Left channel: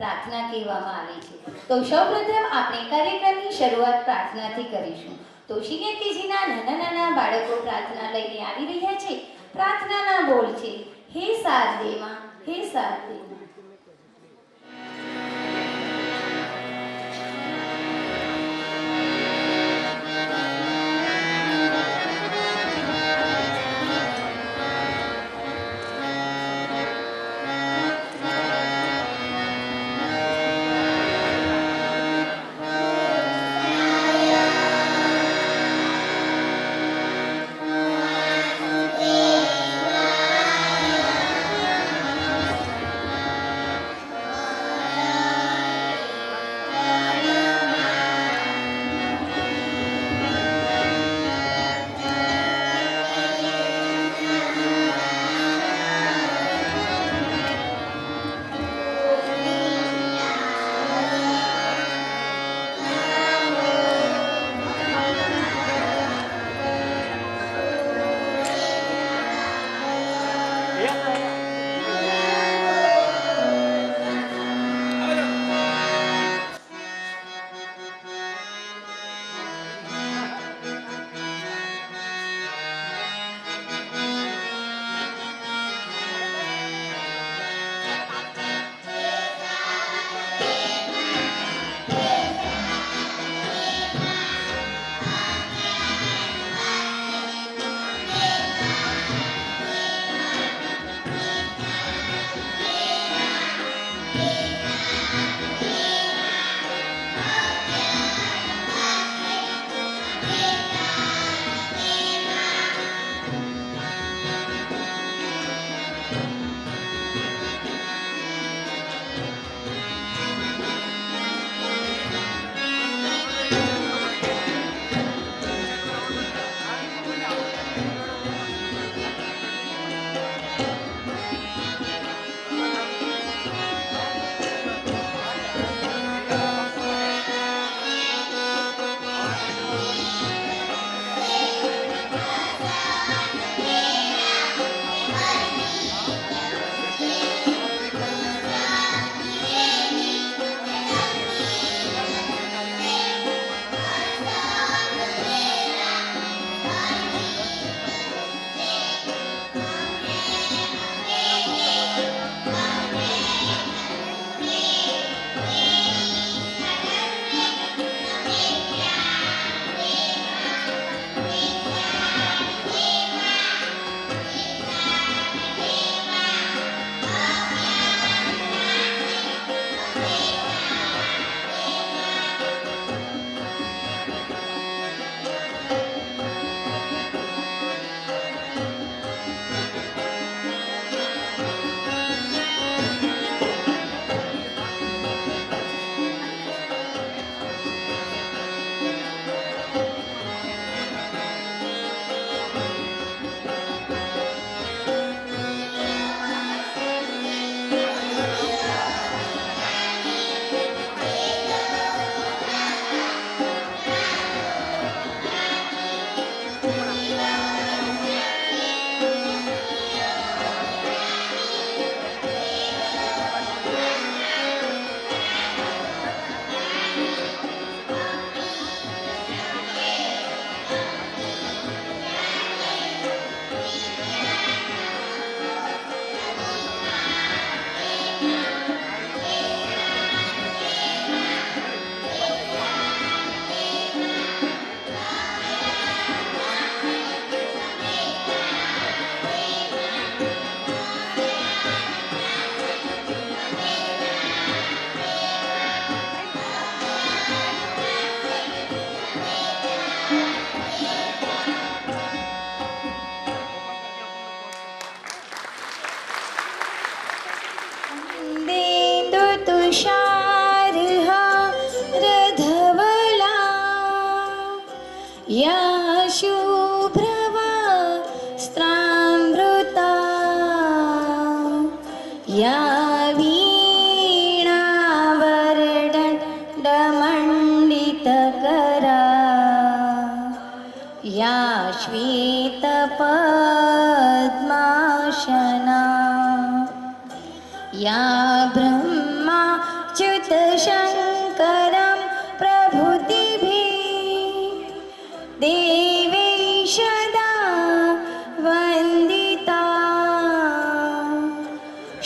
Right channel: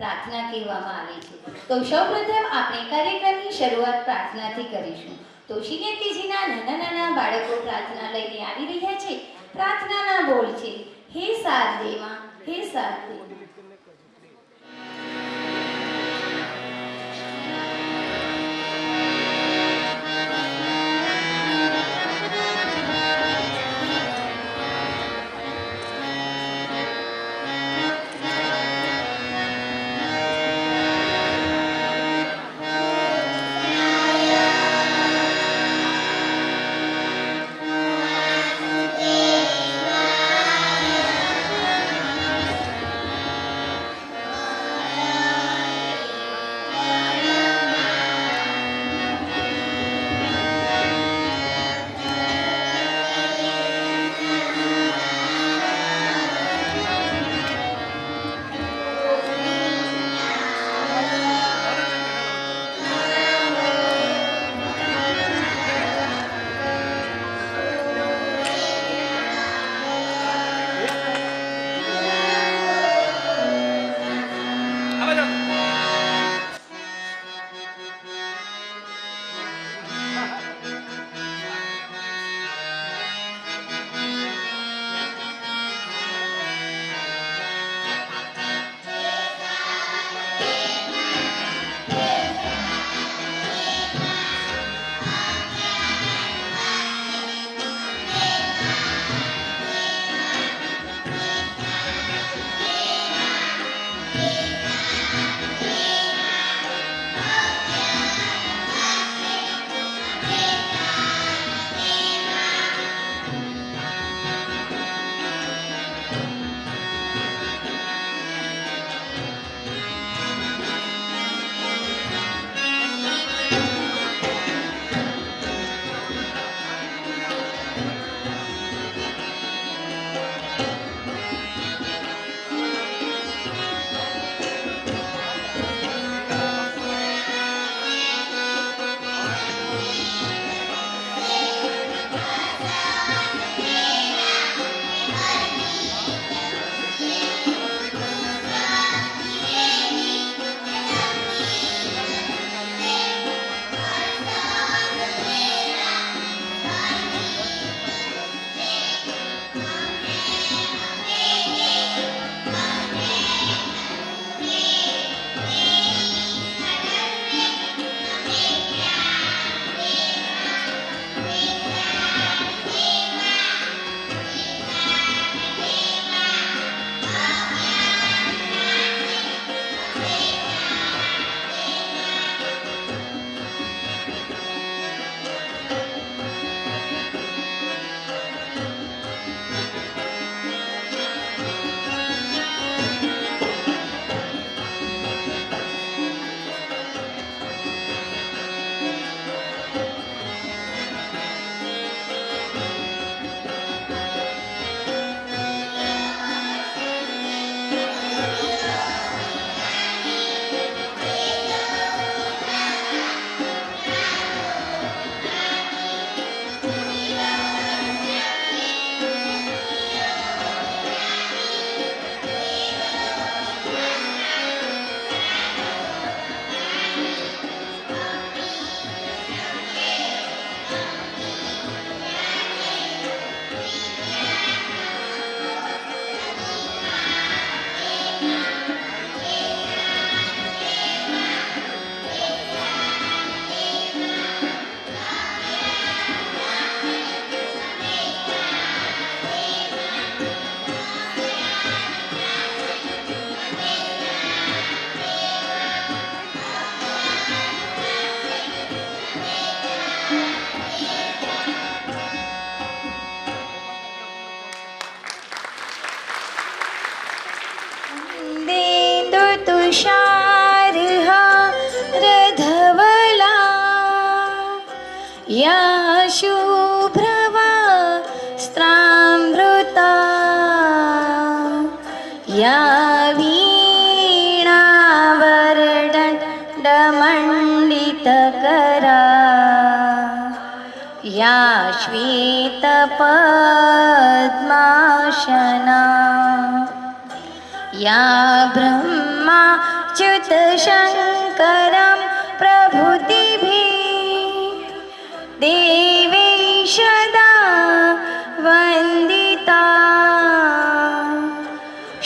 प्रार्थना कहेवामां आवे छे। तो सौप्रथम આપણે કાર્યક્રમની શરૂઆત પ્રાર્થનાથી કરીશું। તો શિનેતીજીના નાના નાના બાળકો પ્રાર્થના લઈને આવી રહ્યા છે। પ્રાર્થનાના બોલ છે, હે શારદેમાં, હે શારદેમાં। या शुभ्रवस्त्रामृता या वीणावरदण्डमण्डितकरा या श्वेतपद्मासना या ब्रह्मा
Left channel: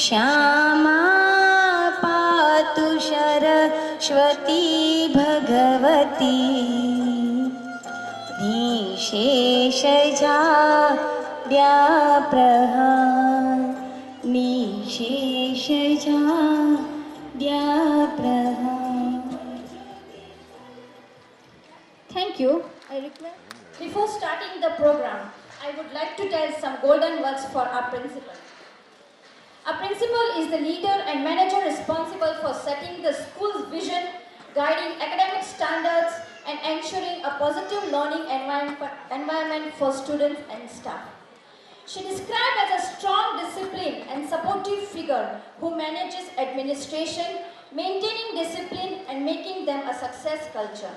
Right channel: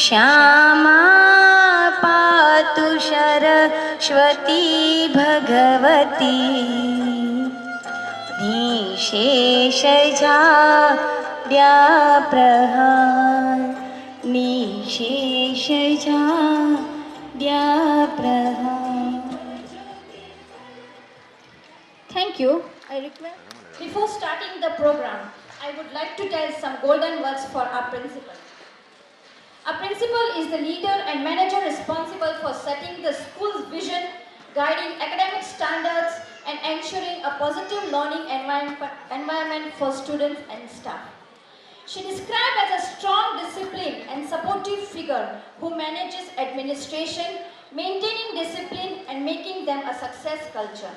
श्यामा पातु Saraswati Bhagwati निशेषजाड्याप्रहार निशेषजाड्याप्रहार. Thank you. I request. Before starting the program, I would like to tell some golden words for our principal. Our principal is the leader and manager responsible for setting the school's vision, guiding academic standards, and ensuring a positive learning environment for students and staff. She described as a strong, disciplined, and supportive figure who manages administration, maintaining discipline, and making them a success culture.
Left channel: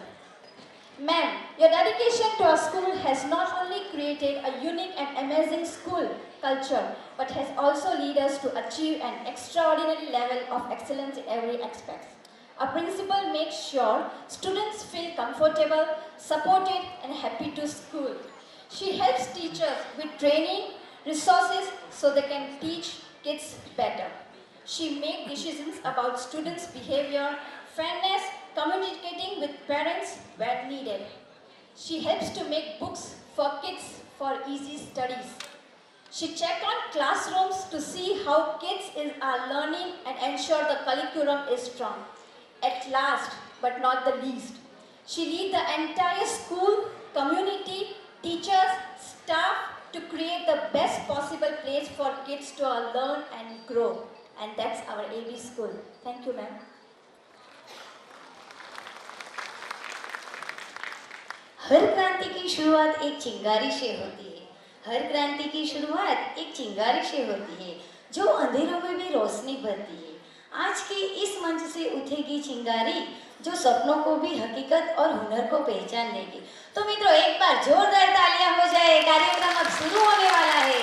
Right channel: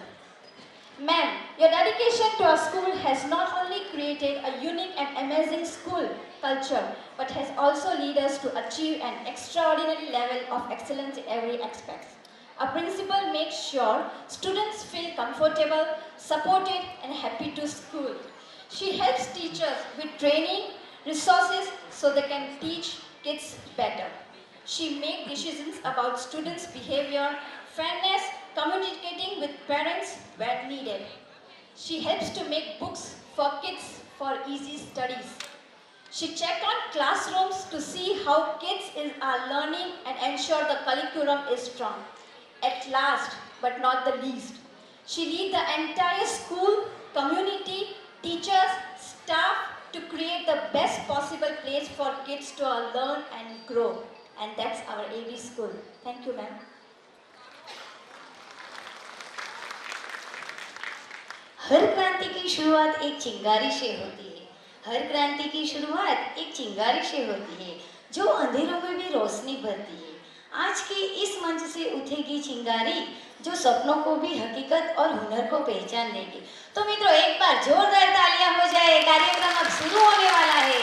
Ma'am, your dedication to our school has not only created a unique and amazing school culture, but has also led us to achieve an extraordinary level of excellence in every aspect. Our principal makes sure students feel comfortable, supported, and happy to school. She helps teachers with training, resources, so they can teach kids better. She makes decisions about students' behavior, fairness, communicating with parents where needed. She helps to make books for kids for easy studies. She checks on classrooms to see how kids are learning and ensure the curriculum is strong. At last, but not the least, she leads the entire school, community, teachers, staff to create the best possible place for kids to learn and grow. And that's our AB school. Thank you, ma'am. हर क्रांति की शुरुआत एक चिंगारी से होती है. हर क्रांति की शुरुआत एक चिंगारी से होती है जो अंधेरों में भी रोशनी भरती है. आज के इस मंच से उठेगी चिंगारी जो सपनों को भी हकीकत और हुनर को पहचान देगी. तो मित्रों, एक बार जोरदार तालियां हो जाए. कार्यक्रम अब शुरू होने वाला है.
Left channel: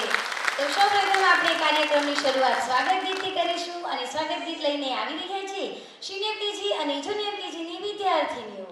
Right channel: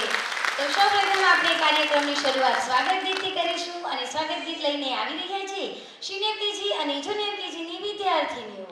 तो સૌપ્રથમ આપણે કાર્યક્રમની શરૂઆત સ્વાગત ગીતથી કરીશું અને સ્વાગત ગીત લઈને આવી રહ્યા છે સિનિયર કેજી અને જુનિયર કેજીની વિદ્યાર્થીનીઓ.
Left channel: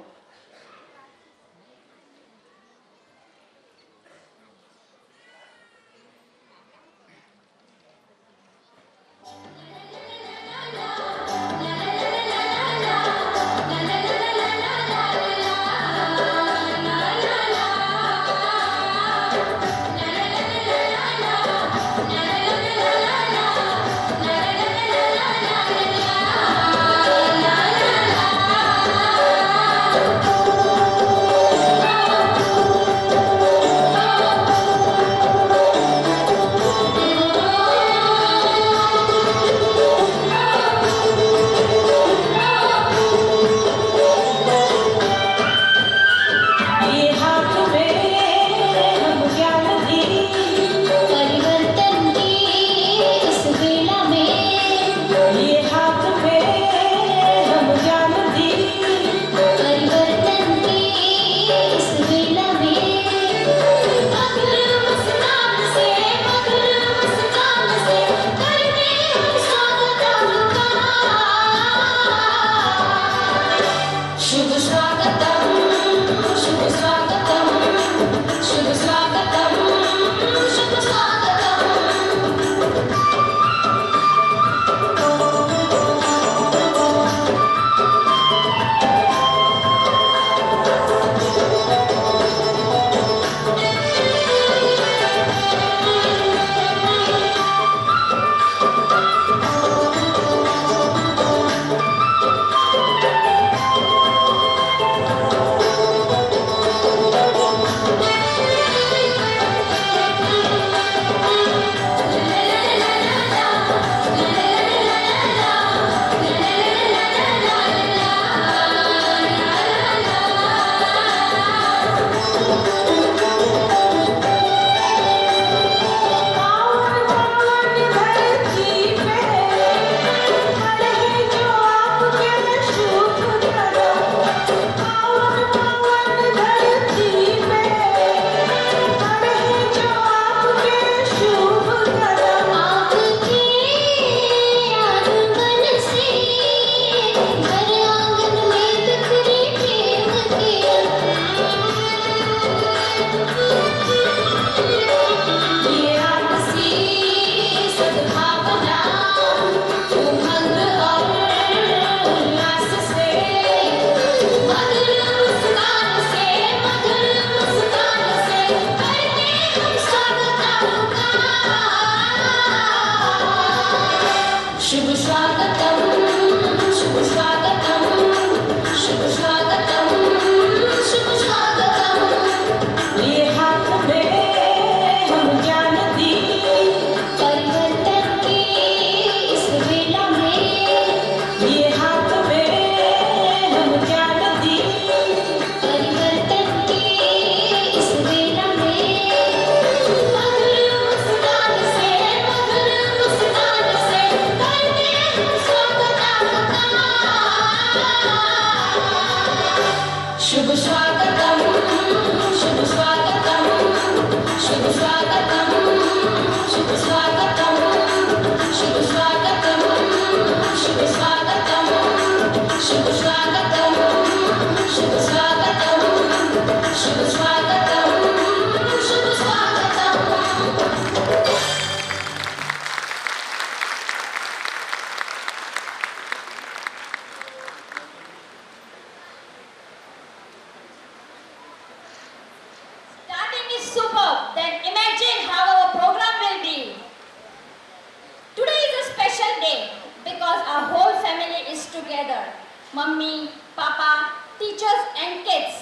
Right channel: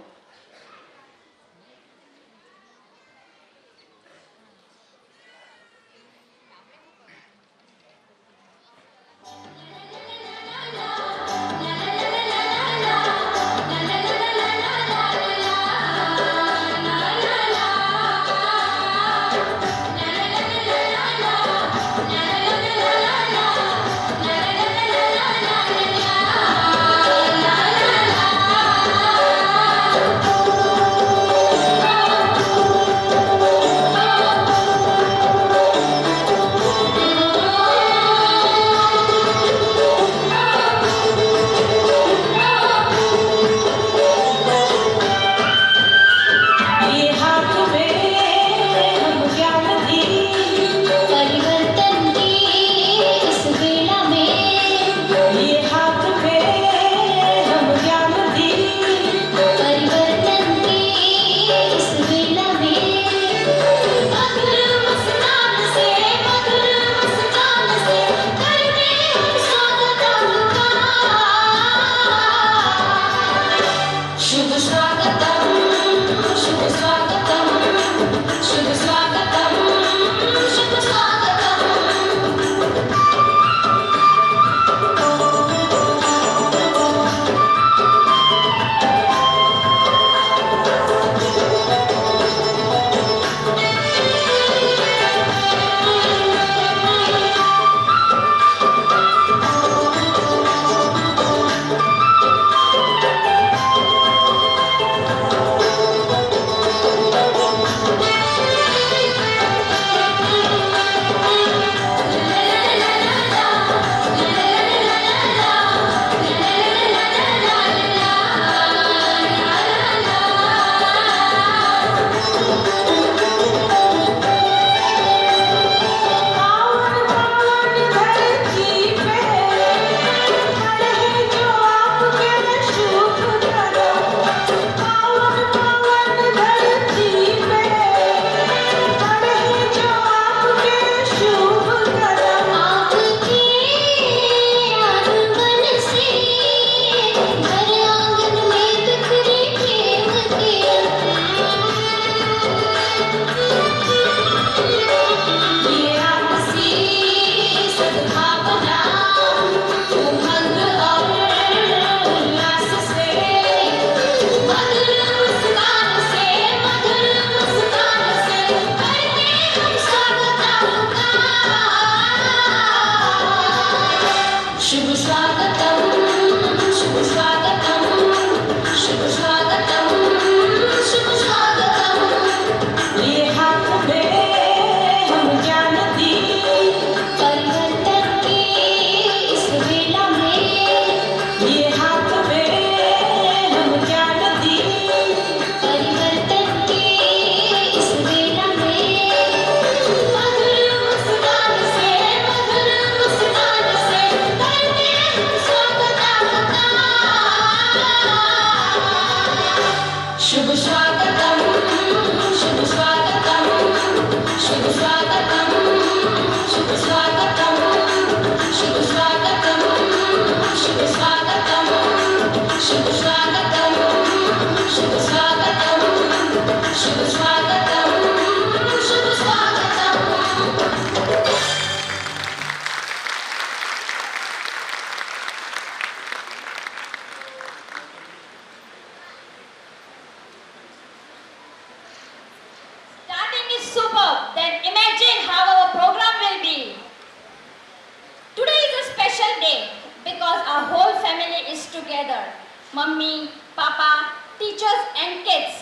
mummy, papa, teachers and kids.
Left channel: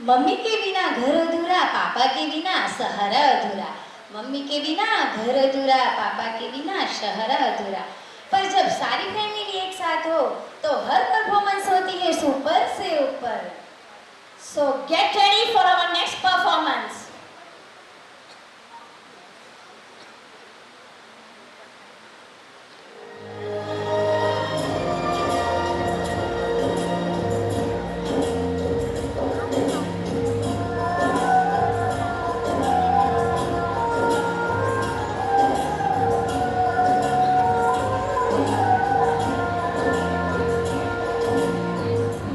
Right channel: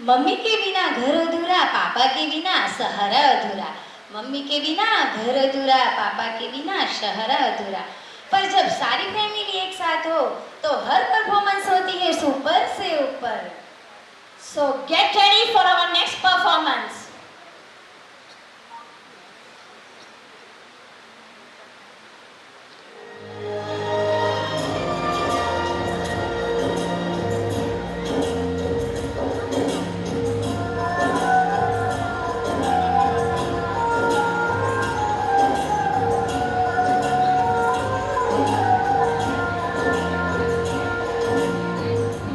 Mummy के बिना घर अधूरा, पापा के बिना सहारा अधूरा। मम्मी के बिना घर अधूरा, पापा के बिना शहरा अधूरा। पर जब सारी फैमिली एक साथ हो तो हर परफॉर्मेंस होती है सुपर से ऊपर। So get ready for our next performance.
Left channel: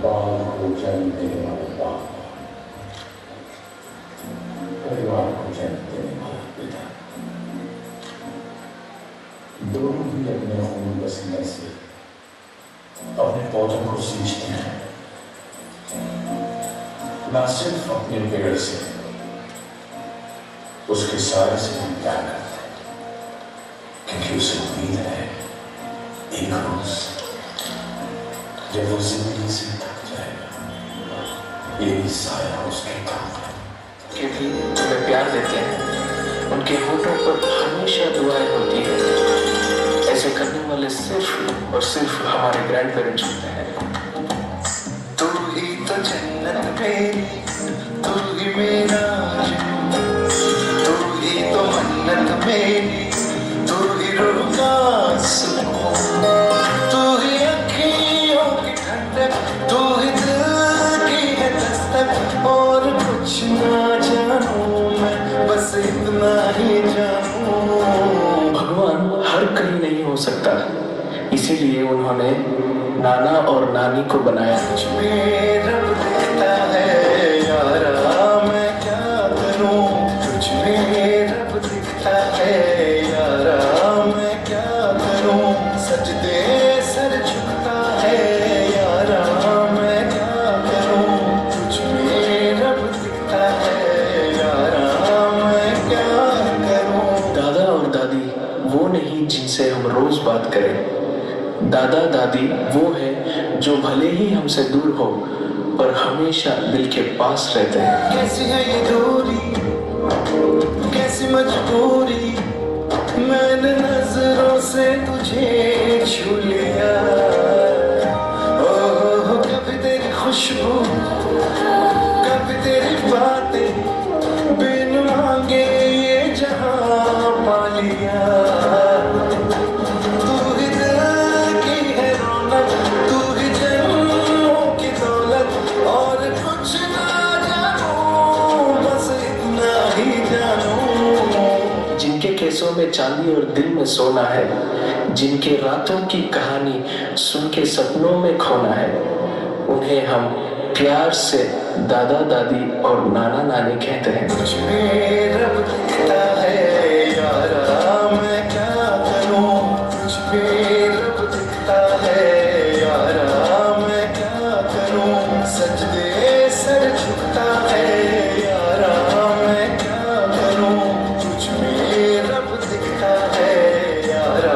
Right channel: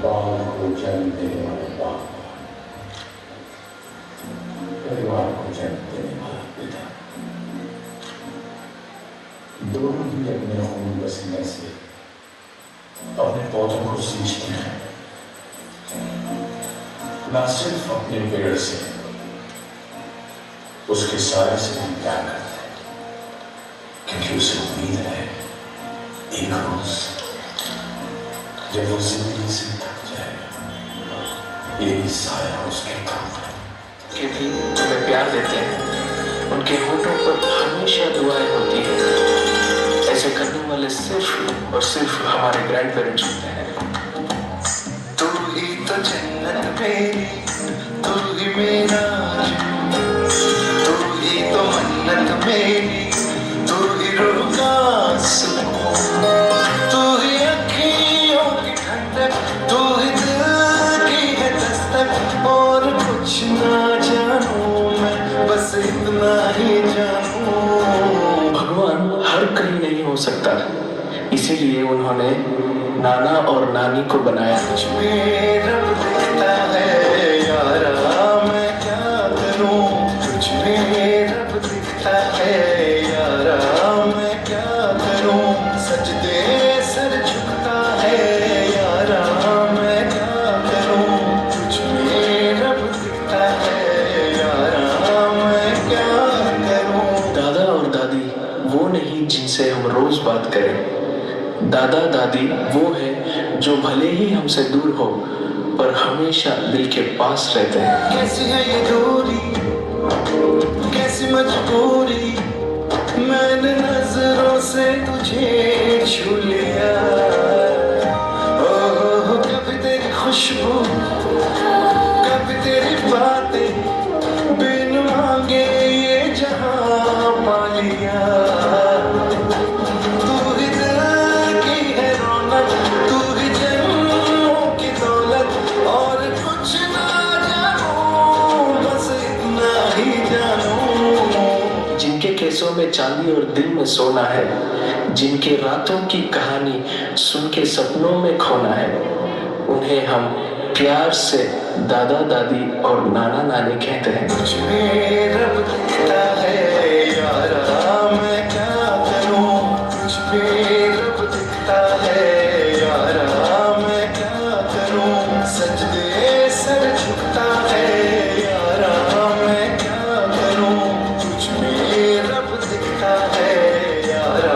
बाल को जन्म देने वाले बाप, परिवार को जन्म देने वाला पिता, दोनों ही अपने खून पसीने से अपने पौधों को सींचते हैं, न सिर्फ अपने पेड़ से, उसके सारे से भी प्यार करते हैं, क्योंकि उसे उम्मीद है एक रोज जब वो जिंदगी से थक जाएगा, यही साया उसके काम के भी तुम्हें प्यार देते हैं, उनके होठों पर हमेशा दुआएं होती है। ऐसे करने वाले सिर्फ और सिर्फ हमारे ग्रैंड पेरेंट्स होते हैं। तू ही तो जन्नत मेरी, तू ही मेरा जन्नत, तू ही तो मन्नत मेरी, तू ही रूह का सुकून, तू ही अखियों की ठंडक, तू ही दिल की है दस्तक, और कुछ ना जानूं मैं, बस इतना ही जानूं। भगवान हर कहीं नहीं हो सकता, इसीलिए उन्होंने नाना और नानी को बनाया। कुछ में रब दिखता है यारा, मैं क्या करूं, कुछ में रब दिखता है यारा, मैं क्या करूं, सजदे सर झुकता है यारा, मैं क्या करूं, कुछ में रब दिखता है यारा, मैं क्या करूं। दादा और दादी वो नहीं जिनसे हम रोज बात करें। दादा दादी वो है जो भले ही हमसे दूर हो पर हमेशा दिल के पास रहते हैं। कैसी है ये दूरी, कैसी मजबूरी, मैंने नजरों से तुझे छू लिया, ओह कभी तेरी खुशबू, कभी तेरी बातें, बिन मांगे ये जहां पा लिया। तू ही दिल की है रौनक, तू ही जन्मों की दौलत, और कुछ ना जानूं, बस इतना ही जानूं। जिनके केसों में चांदी और दिल में सोना है, जिनके रातों की कहानी सुन के सपनों में खोना है, उन्हें हम प्यार से दादा दादी और नाना नानी कहते हैं। कुछ में रब दिखता है यारा, मैं क्या करूं, कुछ में रब दिखता है यारा, मैं क्या करूं, सजदे सर झुकता है यारा, मैं क्या करूं, कुछ में रब दिखता है यारा,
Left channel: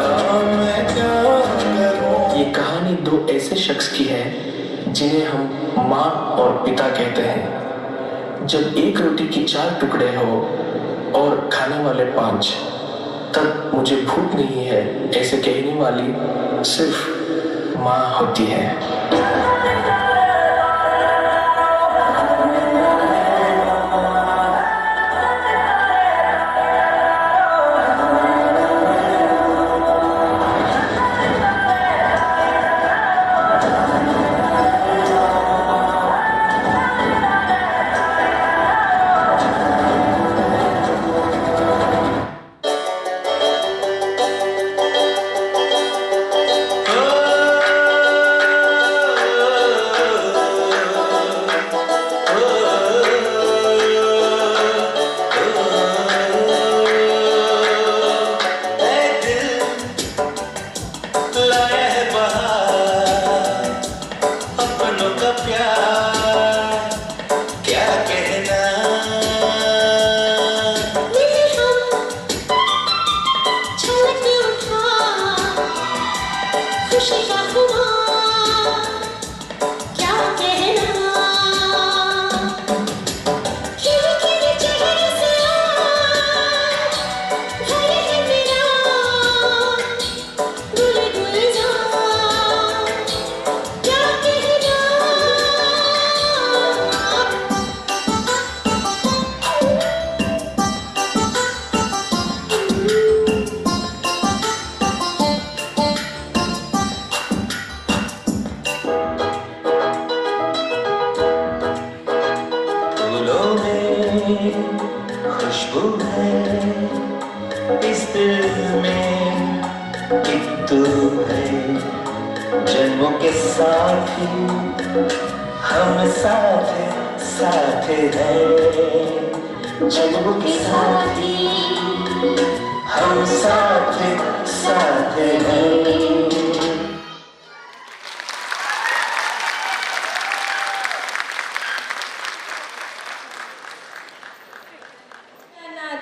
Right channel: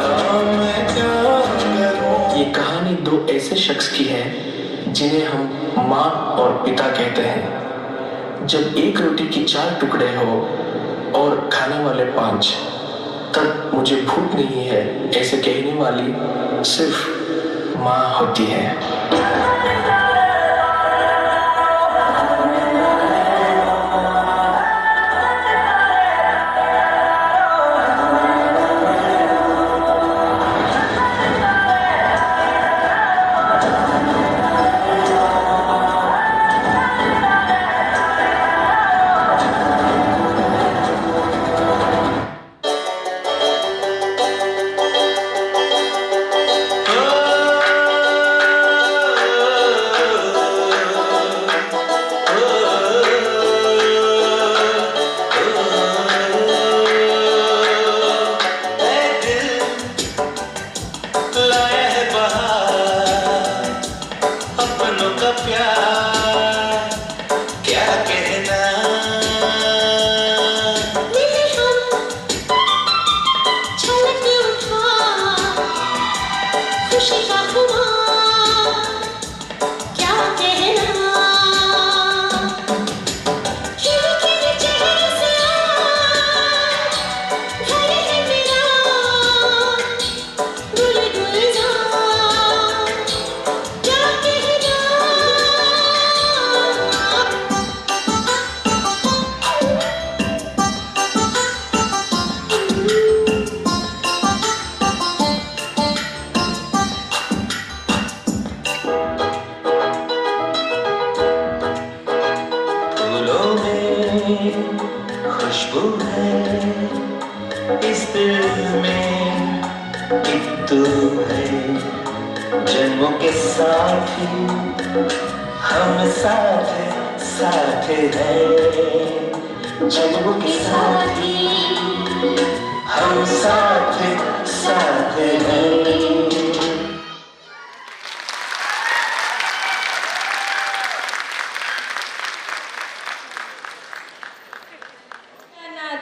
मैं क्या करूं। ये कहानी दो ऐसे शख्स की है जिन्हें हम माँ और पिता कहते हैं। जब एक रोटी की 4 टुकड़े हो और खाने वाले 5, तब मुझे भूख नहीं है ऐसे कहने वाली सिर्फ माँ होती है। खुशी का खुमार दिल में एक तू है, जन्मों के साथी हम साथ साथ हैं, जन्मों के साथी हम साथ साथ हैं।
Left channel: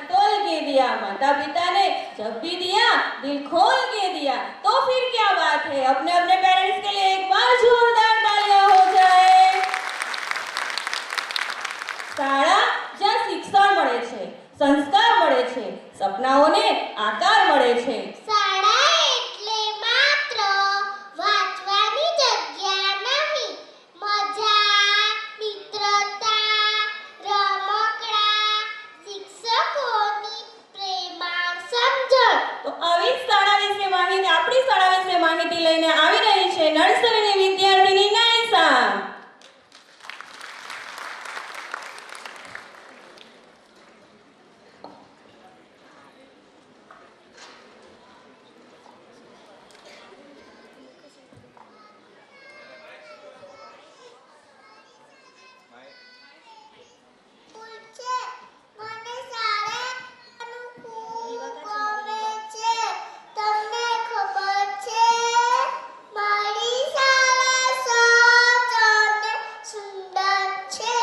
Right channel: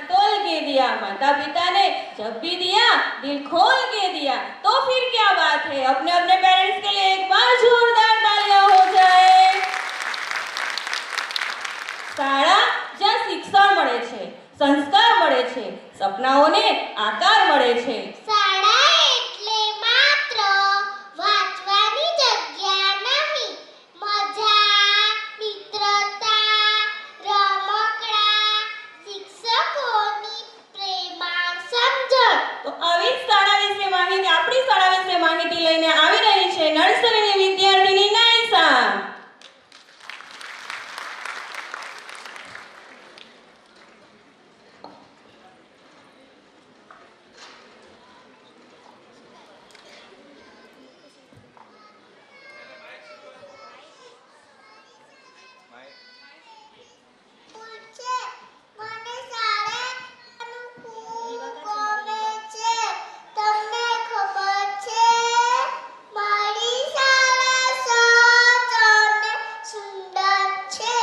तोल के दिया, माता पिता ने जब भी दिया दिल खोल के दिया, तो फिर क्या बात है। अपने अपने पेरेंट्स के लिए एक बार जोरदार तालियां हो जाए। शाळा જ્યાં શિક્ષણ મળે છે, સંસ્કાર મળે છે, સપનાઓને આકાર મળે છે। શાળા એટલે માત્ર વાંચવાની જગ્યા નહીં, મજા, મિત્રતા, રમકડા, શિક્ષકોની પ્રેમાળ સમજણ। તો આવી શાળા વિશે માહિતી, આપણી શાળા વિશે માહિતી લઈને આવી રહી છે નર્સરીની વિદ્યાર્થીની નાયસા। પૂછે, મને શાળાનું ખૂબ ગમે છે, તમને ખબર છે? મારી શાળા સ્વચ્છ અને સુંદર છે।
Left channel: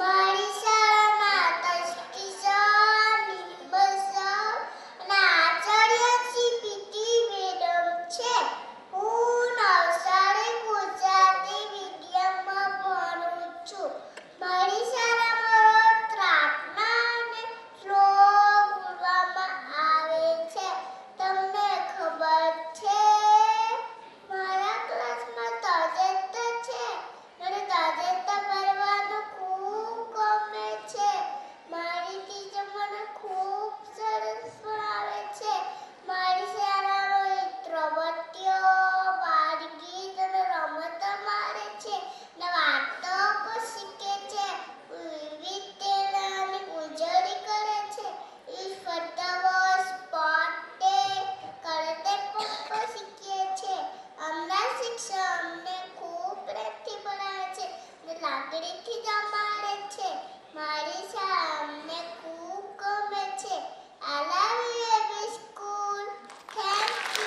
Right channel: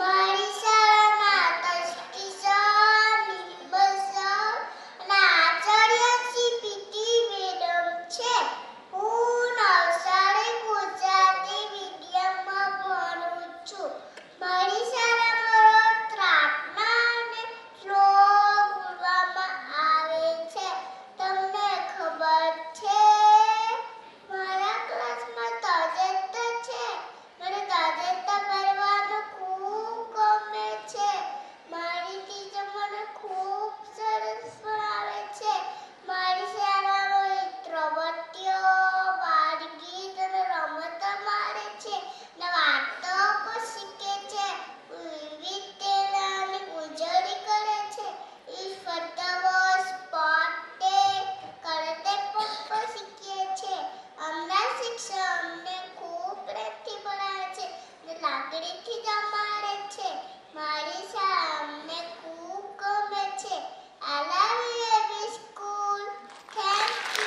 મારી શાળામાં ટ્રસ્ટી સર, પ્રિન્સિપલ સર અને આચાર્ય શ્રી પીટી મેડમ છે। હું નવસારી ગુજરાતી મીડિયમમાં ભણું છું। મારી શાળામાં રોજ પ્રાર્થના અને શ્લોક બોલવામાં આવે છે, તમને ખબર છે? મારા ક્લાસમાં તાજેતર છે, મને તાજેતર ભણવાનું ખૂબ ગમે છે। મારી ટીચર મને ખૂબ સરસ ભણાવે છે। મારી શાળામાં પ્રવૃત્તિઓ, બાળગીત અને રમતો મારે છે ને વાર્તાઓ પણ શીખે છે। વિવિધ તહેવારોની ઉજવણી કરે છે। ઈશ્વર દિવસ, સ્પોર્ટ ડે, કરતે પણ શીખીએ છીએ। અમારા શિક્ષક અમને ખૂબ પ્રેમથી ભણાવે છે ને લાગણીથી જમાડે છે। મારી શાળા અમને ખૂબ ગમે છે। I love you, every school. Thank you.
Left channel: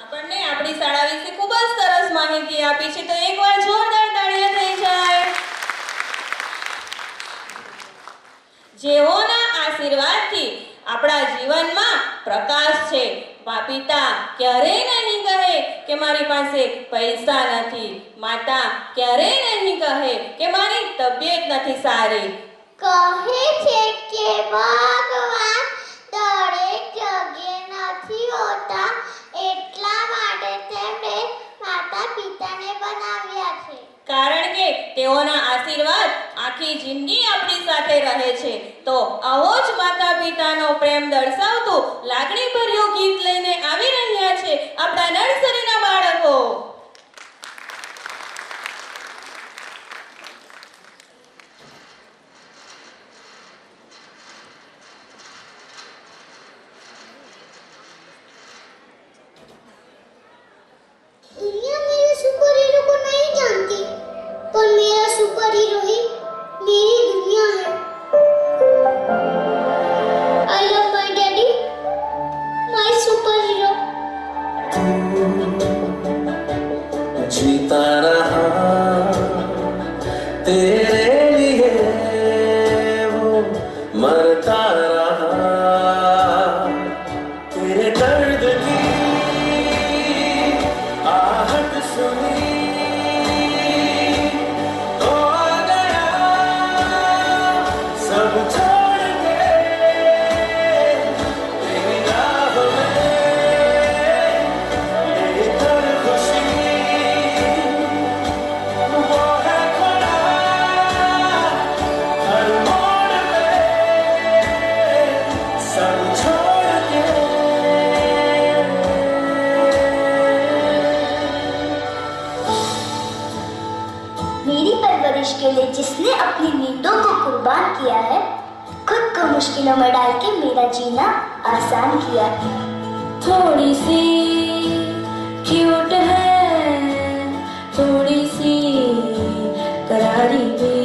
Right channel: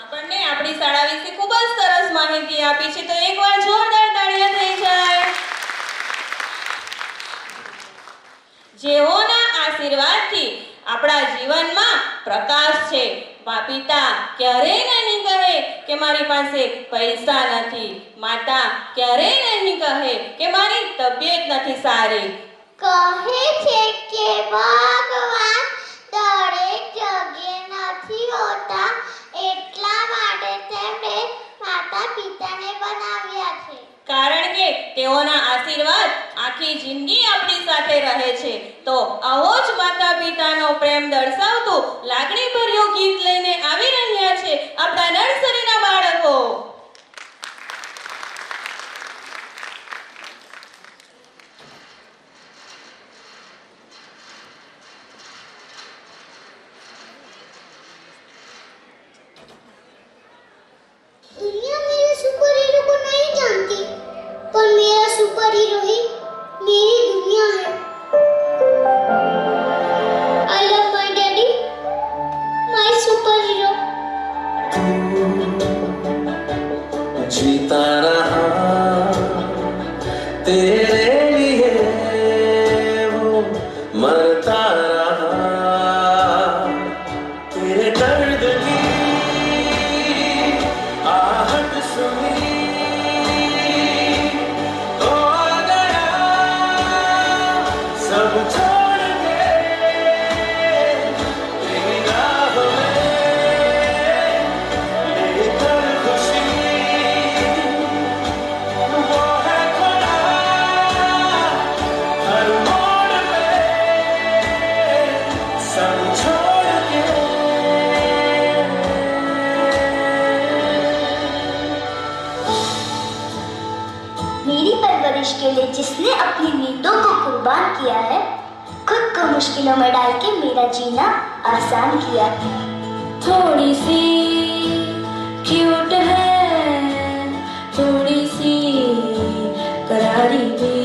આપણને આપણી શાળા વિશે ખૂબ જ સરસ માહિતી આપી છે, તો એકવાર જોરદાર તાળીઓ થઈ જાય। જેઓના આશીર્વાદથી આપણા જીવનમાં પ્રકાશ છે। પિતા ક્યારેય નહીં કહે કે મારી પાસે પૈસા નથી, માતા ક્યારેય નહીં કહે કે મારી તબિયત નથી સારી। કહે છે કે ભગવાન દરેક જગ્યાએ નથી હોતા, એટલા માટે તેમણે માતા પિતાને બનાવ્યા છે। કારણ કે તેઓના આશીર્વાદ આખી જિંદગી આપણી સાથે રહે છે। તો આવો જ માતા પિતાનો પ્રેમ દર્શાવતું લાગણીભર્યું ગીત લઈને આવી રહ્યા છે આપણા નર્સરીના બાળકો। दुनिया मेरे सुपर हीरो को नहीं जानती, पर मेरा सुपर हीरो ही मेरी दुनिया है। I love my daddy, my super hero. जीता रहा तेरे लिए, वो मरता रहा तेरे दर्द की आहट सुनी तो आ गया सब छोड़ के तेरी राह में ले वर्ष के लिए जिसने अपनी नींदों को कुर्बान किया है, खुद को मुश्किलों में डाल के मेरा जीना आसान किया। थोड़ी सी क्यूट है, थोड़ी सी करारी भी,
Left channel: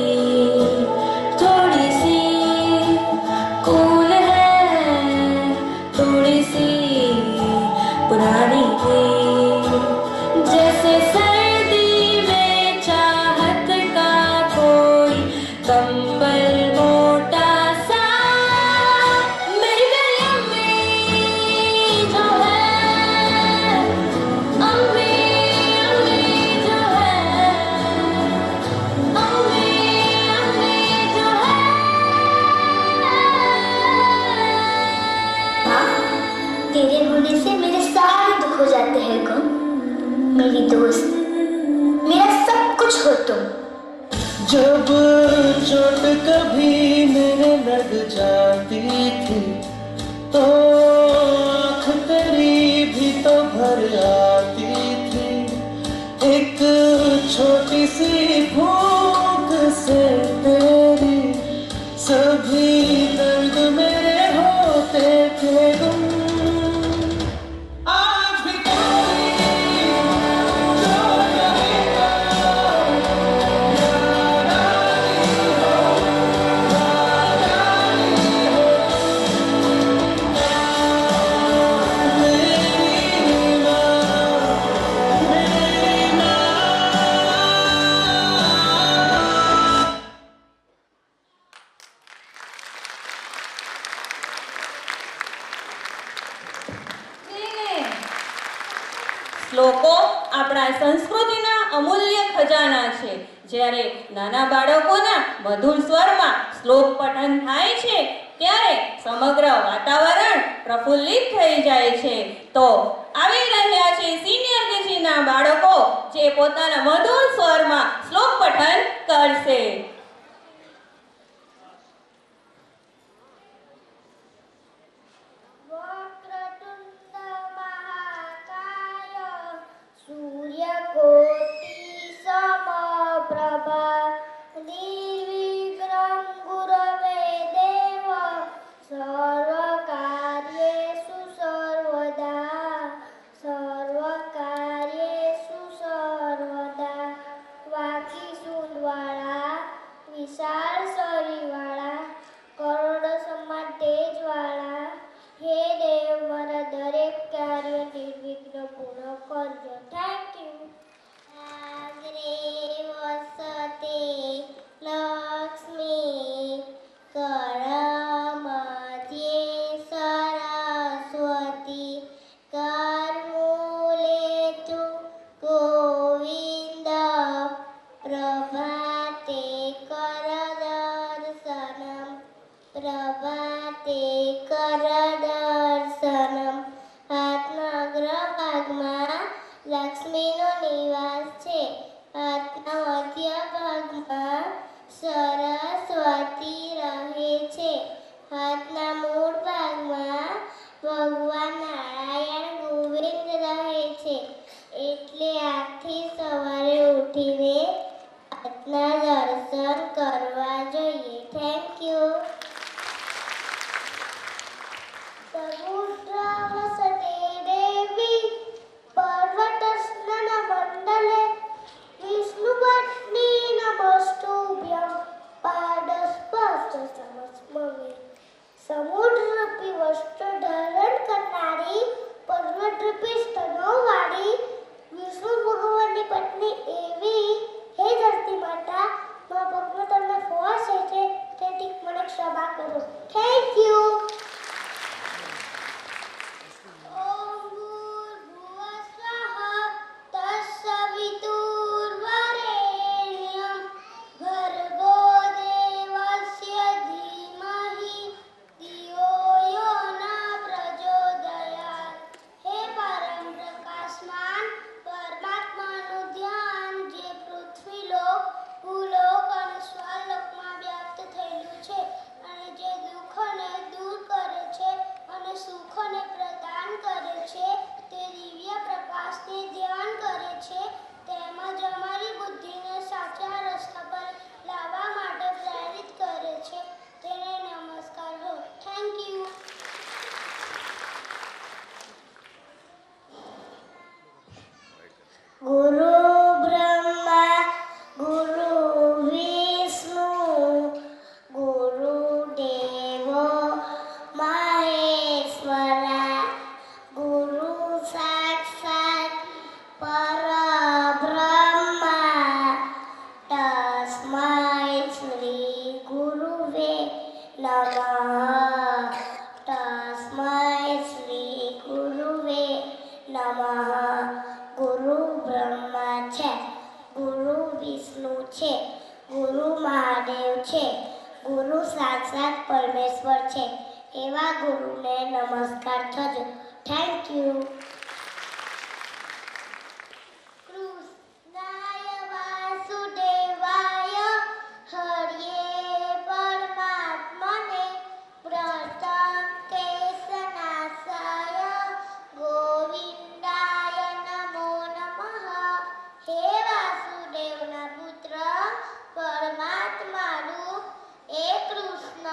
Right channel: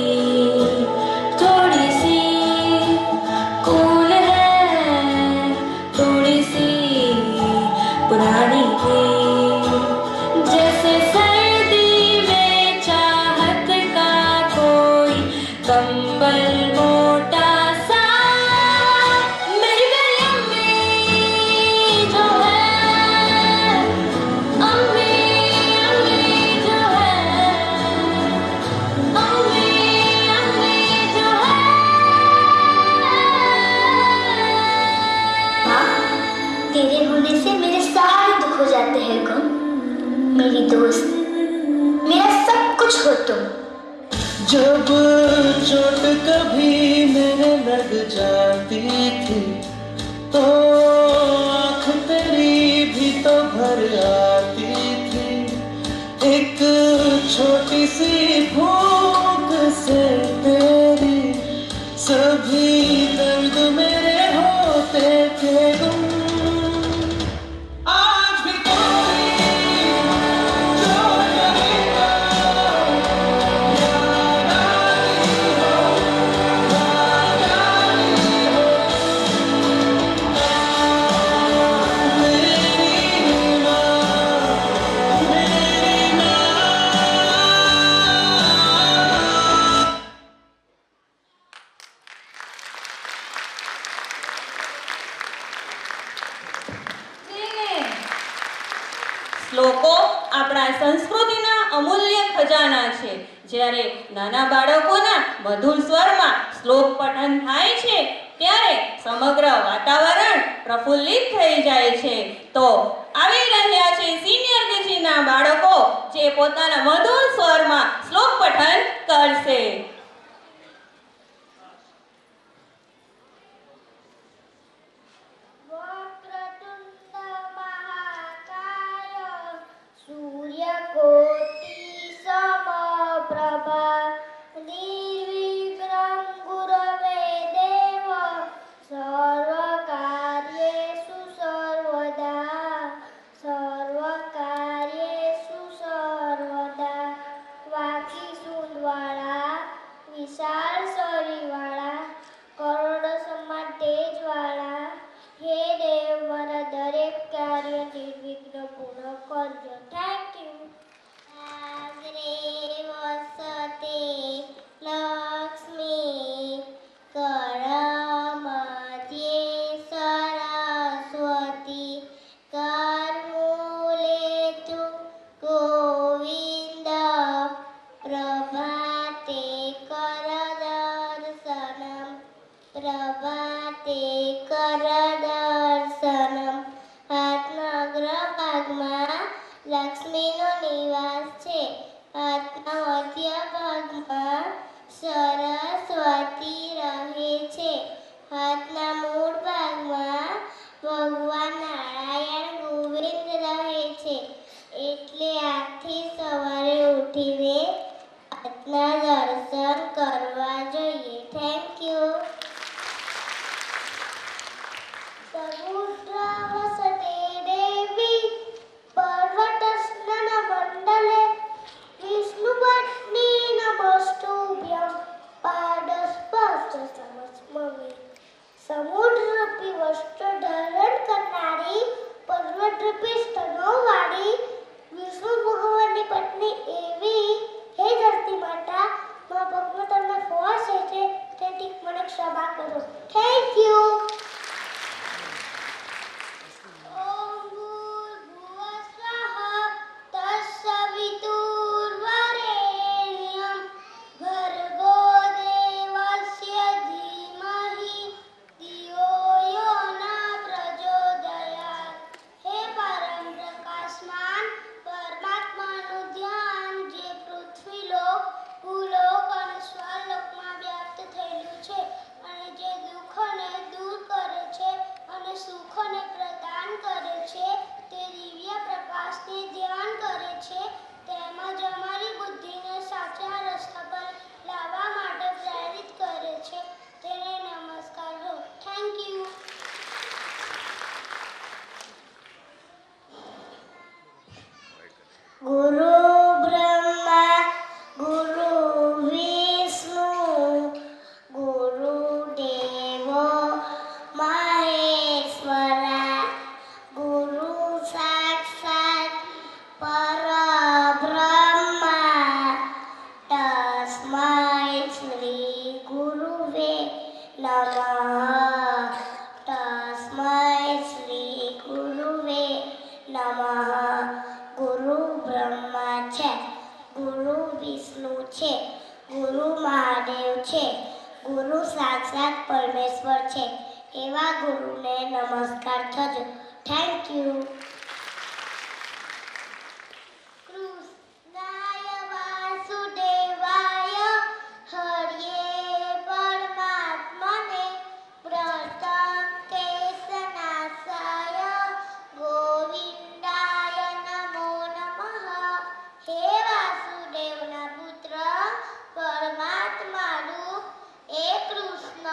थोड़ी सी कूल है, थोड़ी सी पुरानी भी। जैसे सर्दी में चाहत का कोई कंबल मोटा सा, मेरी मेरी अम्मी जो है, अम्मी अम्मी जो है, अम्मी अम्मी जो है। माँ, तेरे होने से मेरे सारे दुख हो जाते हैं गुम। मेरी दोस्त, मेरा सब कुछ हो तुम। जब चोट कभी मेरे लग जाती थी तो आँख तेरी भी तो भर आती थी। एक छोटी सी फूंक से तेरी सभी दर्द मेरे होते थे गुम। आज भी कोई जो कहेगा શ્લોકો આપણા સંસ્કૃતિના અમૂલ્ય ખજાના છે. જ્યારે નાના બાળકોના મધુર સ્વરમાં શ્લોક પઠન થાય છે ત્યારે સમગ્ર વાતાવરણ પ્રફુલ્લિત થઈ જાય છે. તો આવી રહ્યા છે સિનિયર કેજીના બાળકો જે પોતાના મધુર સ્વરમાં શ્લોક પઠન કરશે. वक्रतुंड महाकाय सूर्यकोटि समप्रभा निर्विघ्नं गुरवे देव सर्वकार्येषु सर्वदा सर्वकार्येषु सर्वदा। वाकी सूंढवाळा विशाल शरीरवाळा करोड़ समान तेजवाळा हे देव मारा दरेक कार्य निर्विघ्न पूर्ण करजो। Thank you. आग्रे वसते लक्ष्मी करमध्ये सरस्वती करमूले तु गोविंद प्रभाते करदर्शनम् प्रभाते करदर्शनम्। हाथना अग्रभागમાં લક્ષ્મીનો નિવાસ છે. હાથના મધ્ય ભાગમાં સરસ્વતી રહે છે. હાથના મૂળ ભાગમાં ભગવાન નારાયણ ગોવિંદ રહે છે. એટલે આજથી સવારે ઉઠીને હાથના દર્શન કરવા જોઈએ. Thank you. समुद्रावसते देवी पर्वतस्नानमण्डले विष्णुपत्नी नमस्तुभ्यं। નમઃ. ગુરુ બ્રહ્મા છે, ગુરુ વિષ્ણુ છે, ગુરુ મહાદેવ છે, ગુરુ સાક્ષાત પરમેશ્વર છે. એવા ગુરુને નમસ્કાર થજો. Thank you. કૃષ્ણાય વાસુદેવાય હર્યે પરમાત્મને પ્રથમ કેશનાશાય ગોવિંદાય નમો નમઃ. હે વાસુદેવના પુત્ર પરમાત્મા રૂપ એ કૃષ્ણ,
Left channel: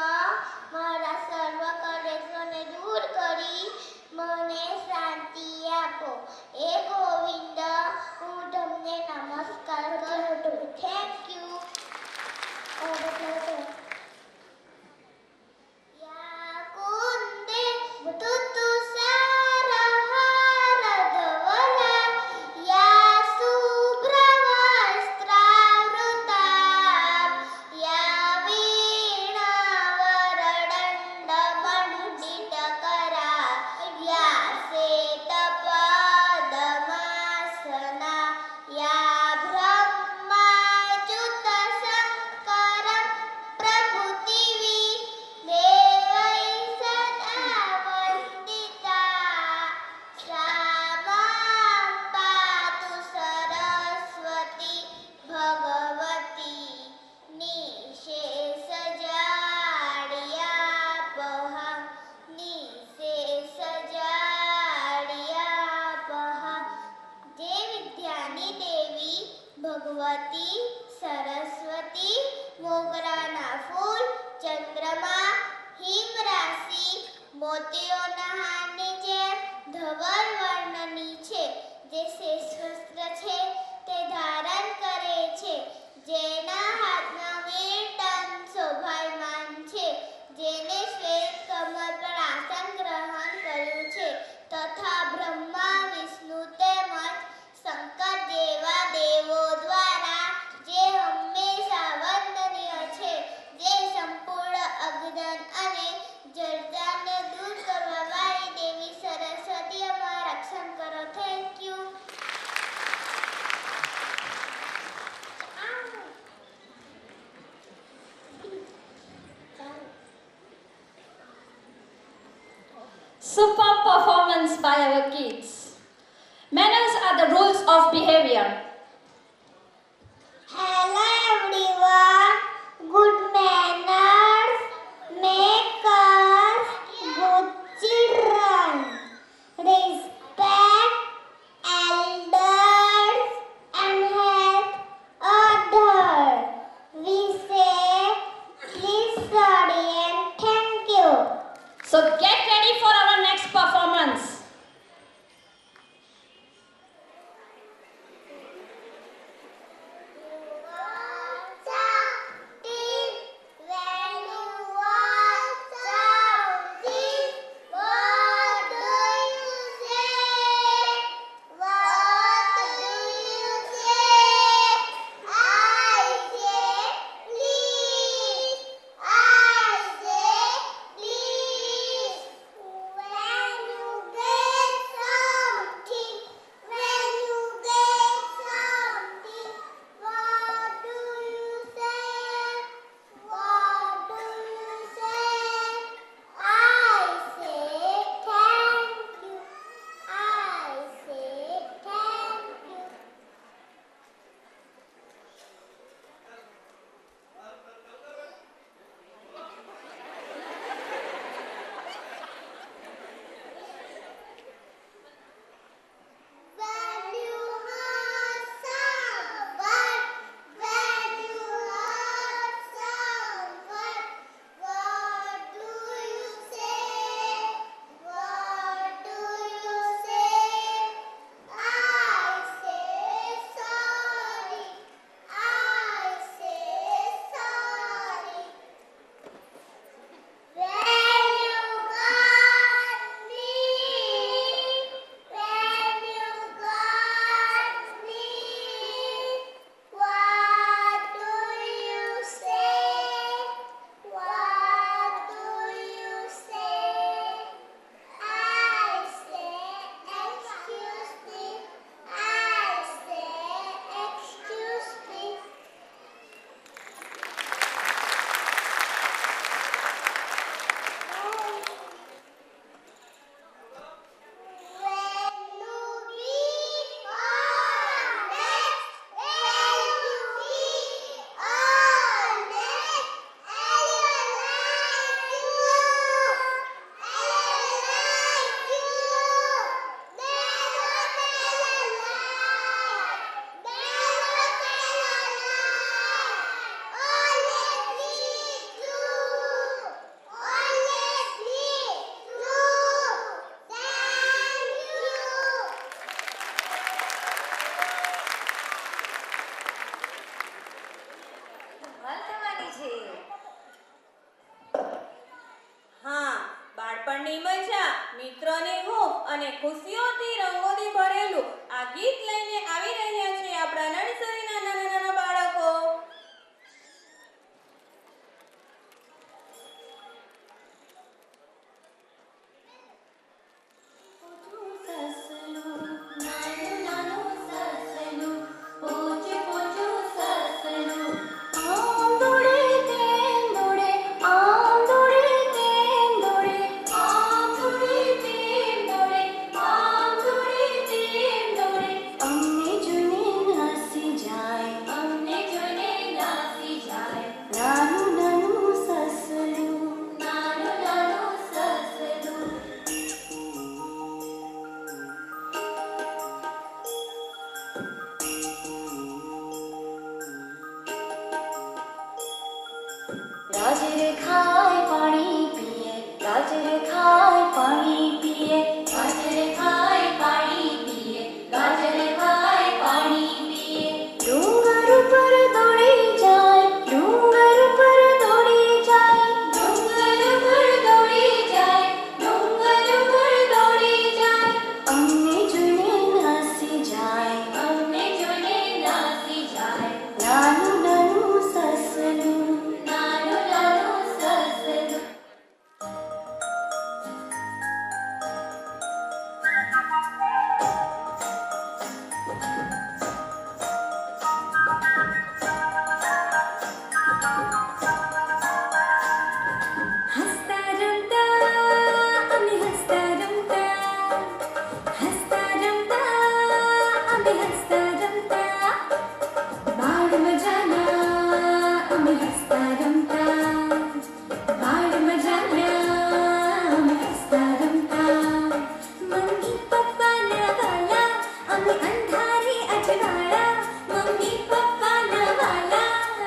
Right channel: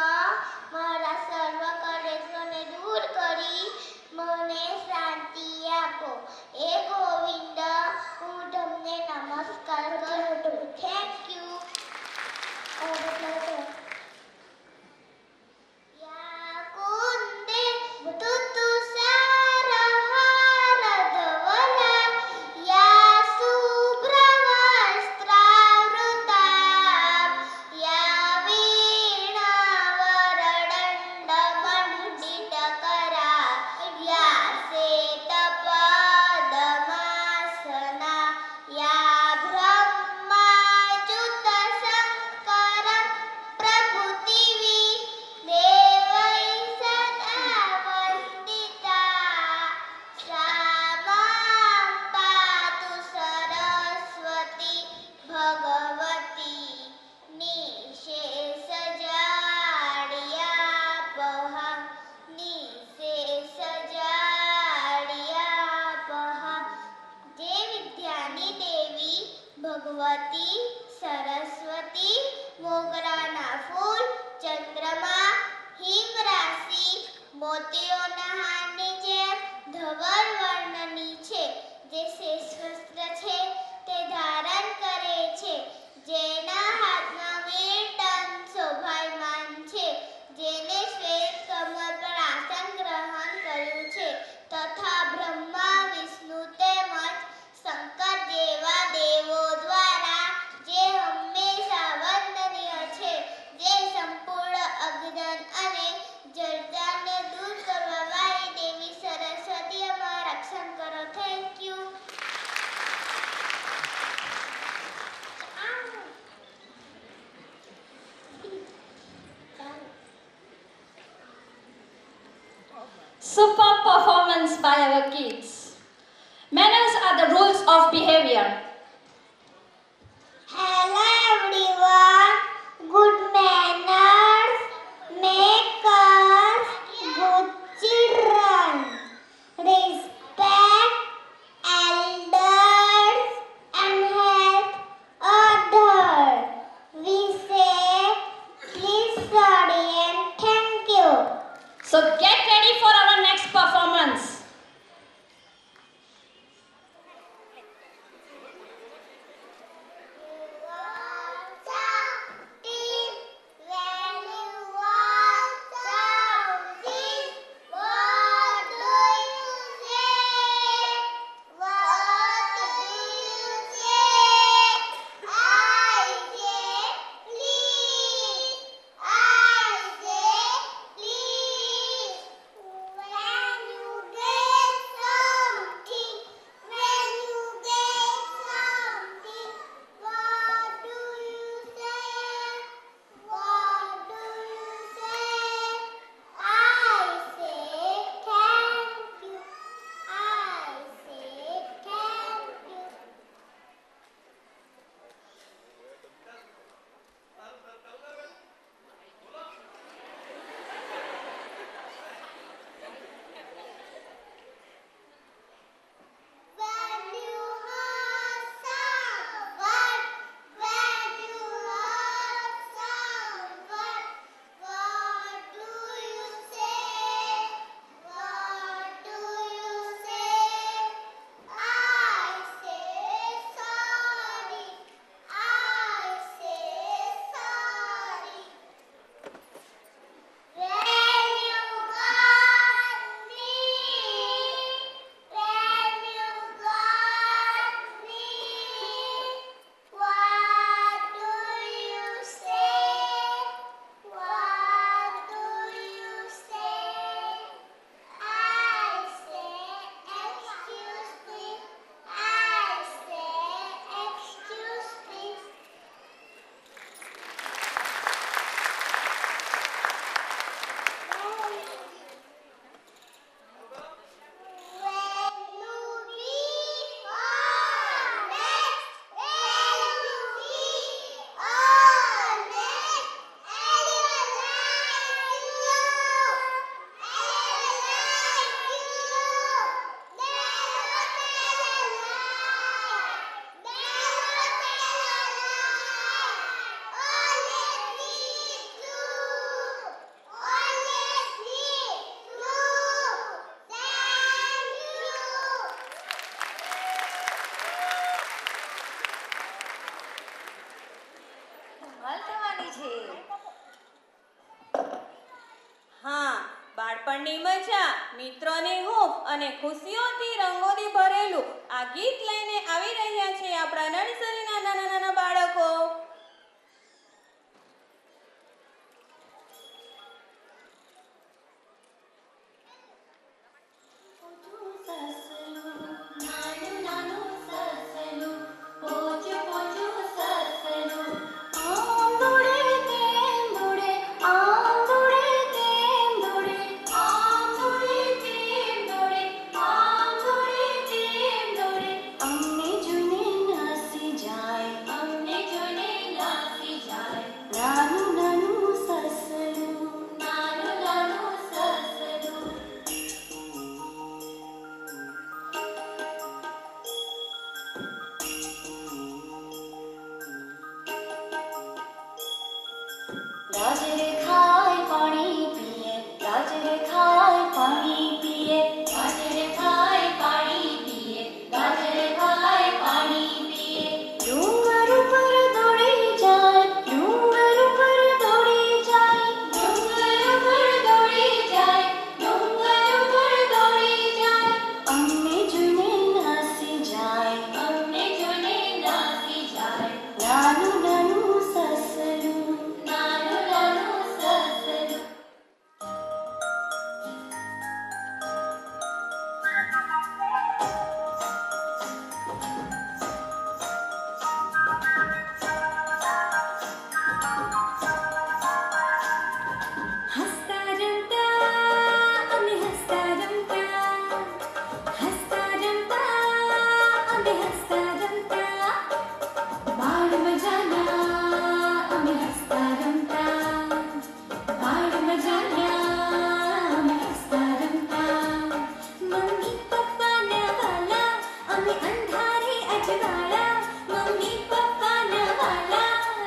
મારા સર્વ કલેશોને દૂર કરી મને શાંતિ આપો. એ ગોવિંદ, હું તમને નમસ્કાર કરું છું. Thank you. યા કુંદે તુતુષારહારધવલા યા શુભ્રવસ્ત્રાવૃતા યા વીણાવરદંડમંડિતકરા યા શ્વેતપદ્માસના યા બ્રહ્માચ્યુતશંકરં પ્રભૃતિવી દેવૈ સદા વંદિતા. સા માં પાતુ સરસ્વતી ભગવતી નિશેષજાડ્યાપહા નિશેષજાડ્યાપહા. જે વિદ્યાની દેવી ભગવતી સરસ્વતી મોગરાના ફૂલ, ચંદ્રમા, હિમ રાશિ, મોતીઓના હારની જેમ ધવલ વર્ણની છે, જે શેષવસ્ત્ર છે તે ધારણ કરે છે, જેના હાથમાં વીરટન શોભાયમાન છે, જેને શ્વેત કમળ પર આસન ગ્રહણ કર્યું છે, તથા બ્રહ્મા, વિષ્ણુ તેમજ શંકર જેવા દેવો દ્વારા જે હંમેશા વંદનીય છે, જે સંપૂર્ણ અજ્ઞાન અને જડતાને દૂર કરવા વાળી દેવી સરસ્વતી, અમારું રક્ષણ કરો. Thank you. Superb performance by our kids. Manners are the rules of behavior. Hello everyone. Good manners make us good children. Respect elders and help others. We say please, study and thank you. So get ready for our next performance. બાળપણની મજા, મિત્રોની હૂંફ અને ખુશીઓથી રંગોથી ભરેલું આ ગીત લઈને આવી રહ્યા છે આપણા નર્સરીના નાના નાના બાળકો. गाजर खाए पानी पिए, गाजर खाए पानी पिए, गाजर खाए पानी पिए, गाजर खाए पानी पिए. डूंगर ऊपर दौड़ी जाए, डूंगर ऊपर दौड़ी जाए, डूंगर ऊपर दौड़ी जाए, डूंगर ऊपर दौड़ी जाए. अम्मे जुने नासी जाए, अम्मे जुने नासी जाए. नानू नानू ससलू, नानू नानू ससलू. हसता रमता आम्ही हसता रमता, हसता रमता आम्ही हसता रमता. बाळ मजाला आम्ही हसता रमता, बाळ मजाला आम्ही हसता रमता. मम्मी पप्पा नवाला आम्ही अंधारी अजवाळा, मम्मी पप्पा नवाला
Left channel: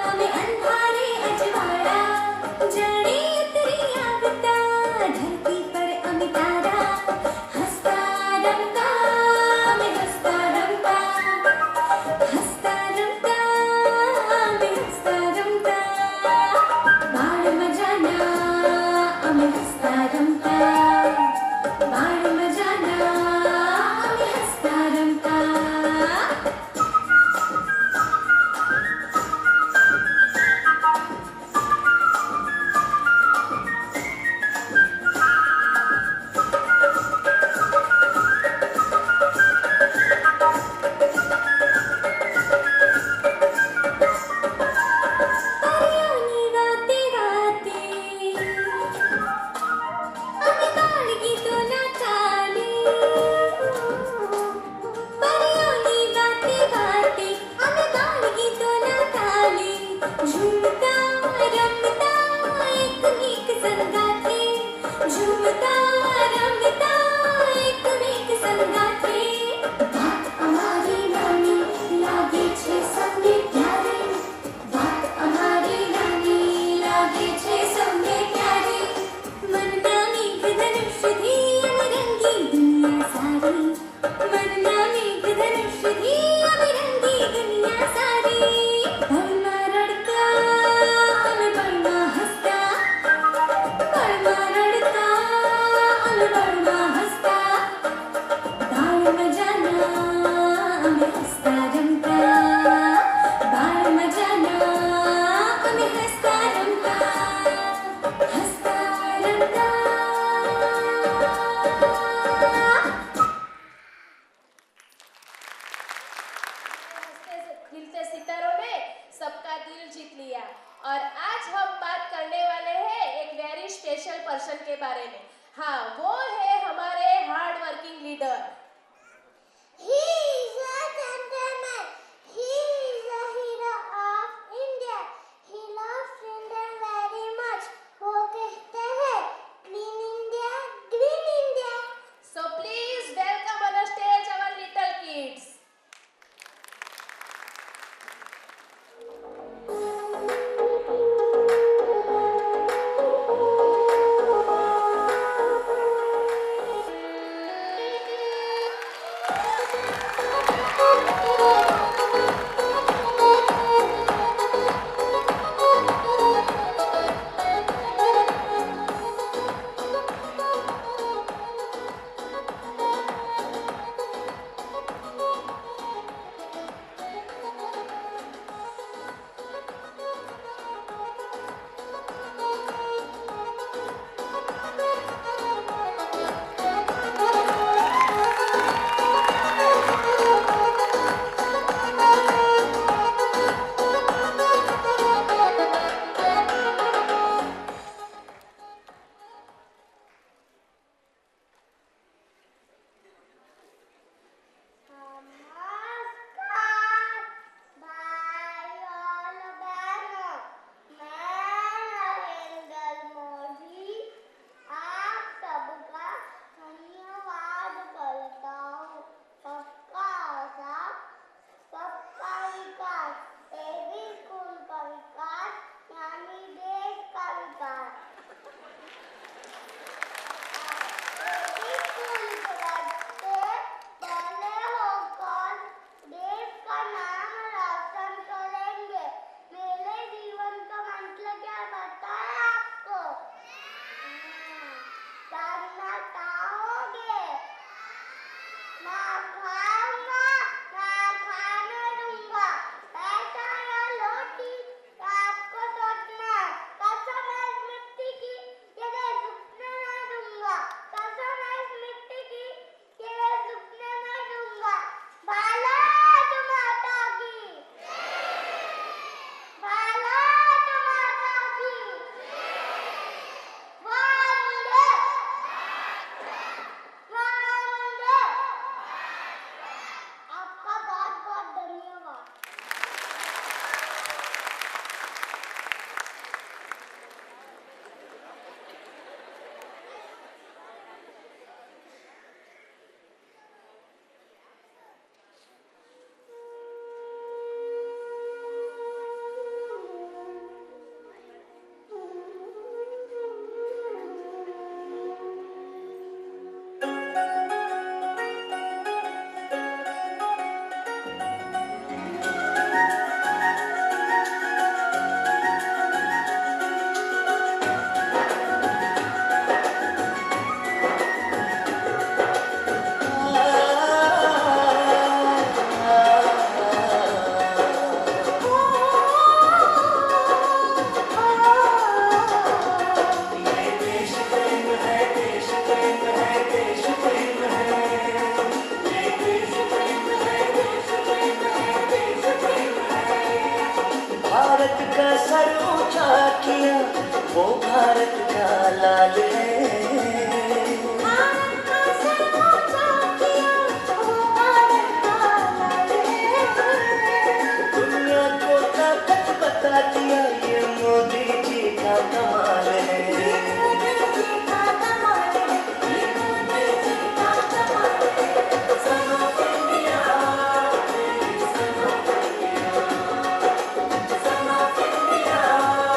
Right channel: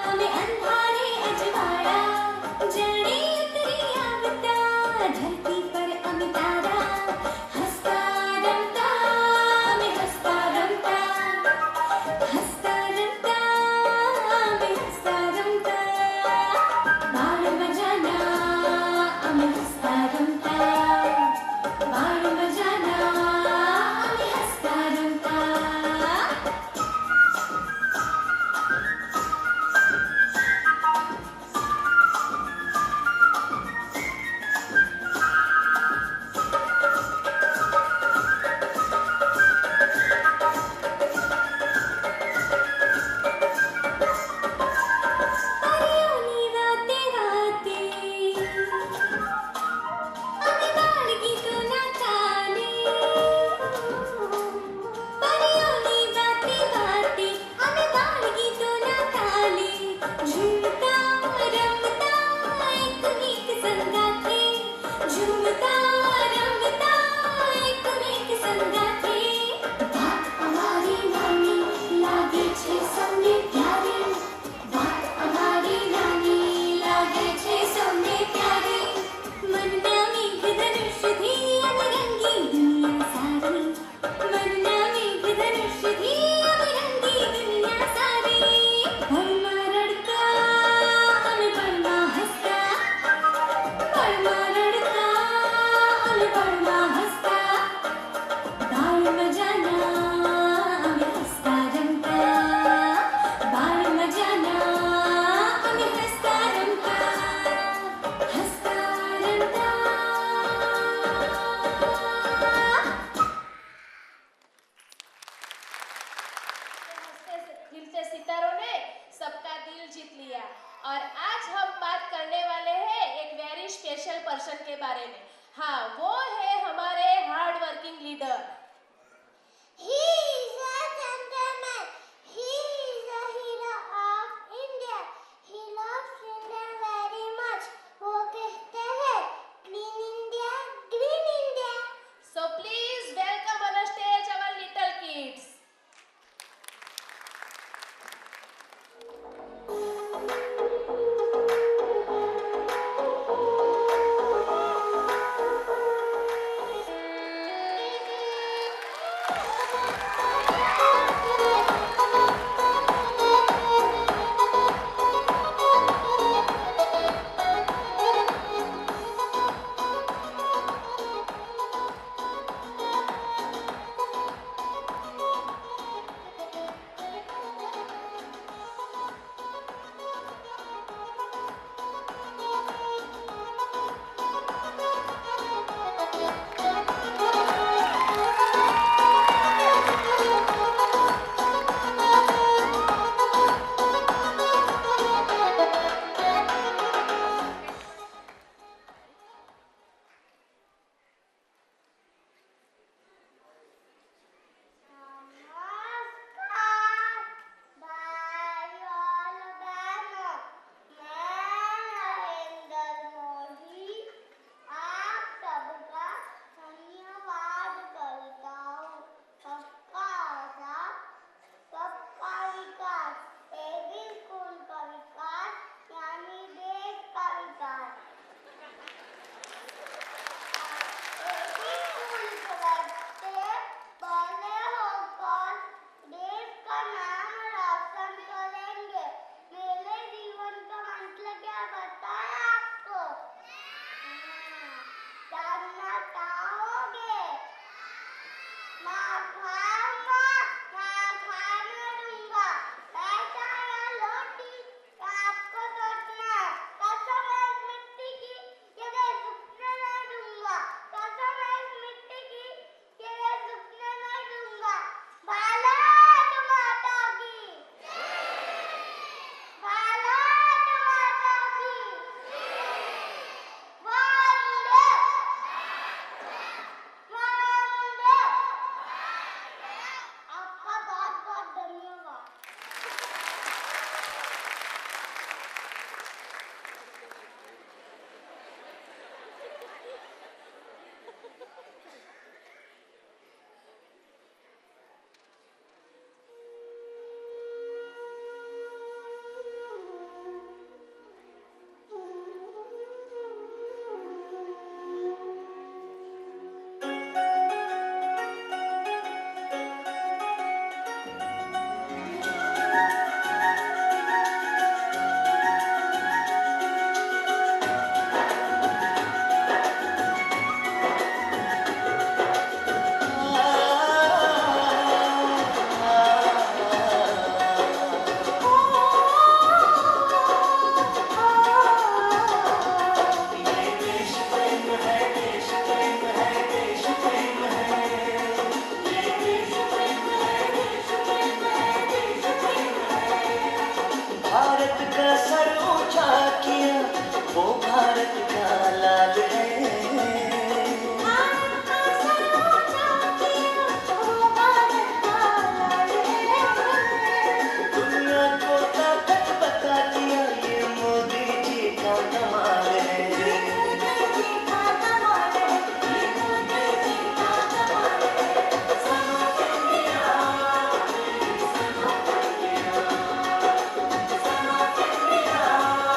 आम्ही अंधारी अजवाळा. जड़ी उतरी आवता धरती पर अमी तारा, हसता रमता आम्ही हसता रमता, हसता रमता आम्ही हसता रमता. बाळ मजाना आम्ही हसता रमता, बाळ मजाना आम्ही हसता रमता. परियोनी वाते वाते आम्ही बाळगीतोना ताली, परियोनी वाते वाते आम्ही बाळगीतोना ताली. झुमता रमता एकमेक संगाथे, झुमता रमता एकमेक संगाथे. बात અમારી નાની લાગે છે સૌને પ્યારે, बात हमारी नानी लागे छे सौने प्यारी. मनना मेघधनुष थी अमरंगी दुनिया सारी, मनना मेघधनुष थी अमरंगी दुनिया सारी. पळमा रडता अन पळमा हसता, पळमा रडता अन पळमा हसता. बाळ मजाना आम्ही हसता रमता, बाळ मजाना आम्ही हसता रमता, हसता रमता. खिलते सितारों ने सबका दिल जीत लिया. और आज हम बात करने वाले हैं एक वेरी स्पेशल पर्सन के बारे में. हाँ, वो है हमारे hard working leader. He is a gentleman. He is a hero of India. He loves India very much. वो कहते हैं Clean India, Green India. So please welcome on the stage our little kids. Bharat का लाल है। भारत का sir ऊंचा किया तो भारत का लाल है। दुनिया को ताकत बता दिया ये मोदी जी का कमाल है। ये मोदी जी का कमाल है, ये मोदी जी का कमाल है। Son of India, son of India, son of India, son of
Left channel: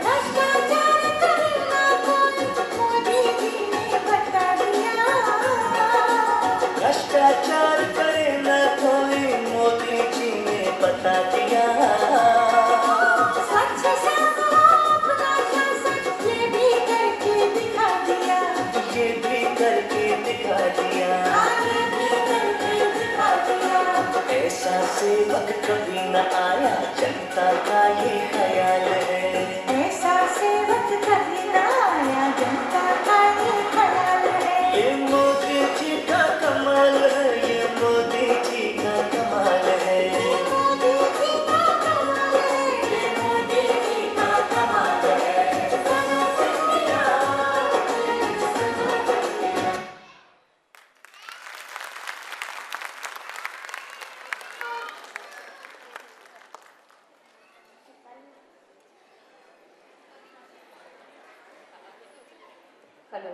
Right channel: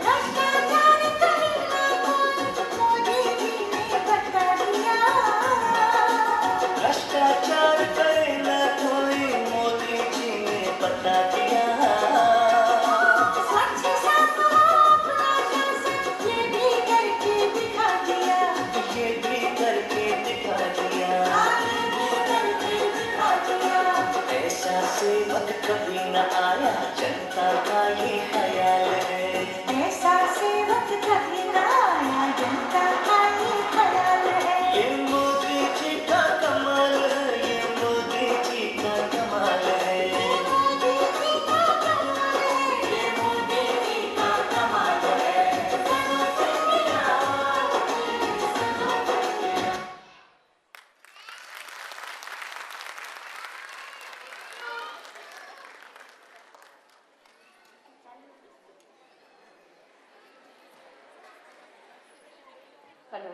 भ्रष्टाचार करेगा कौन, मोदी जी ने बता दिया। भ्रष्टाचार करे न कोई मोदी जी ने बता दिया। स्वच्छ साफ अपना शासन ये भी करके दिखा दिया। ये भी करके दिखा दिया। ये भी करके दिखा दिया। ऐसा सेवक कभी न आया जनता का ये ख्याल है। ऐसा सेवक कभी न आया, जनता का ये ख्याल है। ये मोदी जी का कमाल है, ये मोदी जी का कमाल है। ये मोदी जी का कमाल है, ये मोदी जी का कमाल है। Son of India, son of India. Hello.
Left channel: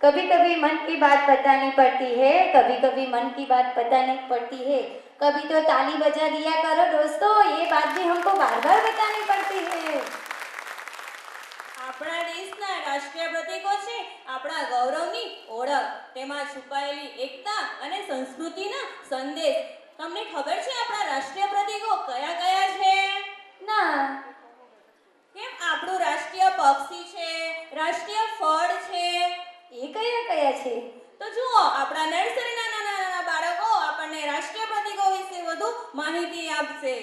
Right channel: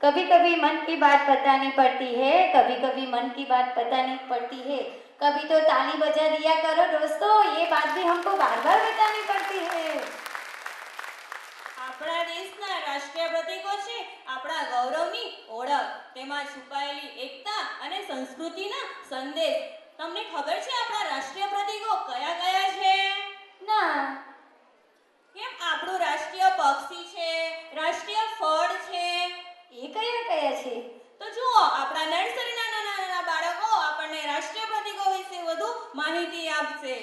कभी कभी मन की बात बतानी पड़ती है, कभी कभी मन की बात बतानी पड़ती है। कभी तो ताली बजा दिया करो दोस्तों, ये बात भी हमको बार बार बतानी पड़ती है। આપણા દેશના રાષ્ટ્રીય પ્રતીકો છે આપણા ગૌરવની ઓળખ, તેમાં છુપાયેલી એકતા અને સંસ્કૃતિના સંદેશ. તમને ખબર છે આપણા રાષ્ટ્રીય પ્રતીકો કયા કયા છે? ના, કેમ આપણું રાષ્ટ્રીય પક્ષી છે, રાષ્ટ્રીય ફળ છે. એ કયા કયા છે? તો જુઓ, આપણા નર્સરીના નાના નાના બાળકો આપણને રાષ્ટ્રીય પ્રતીકો વિશે વધુ માહિતી આપશે.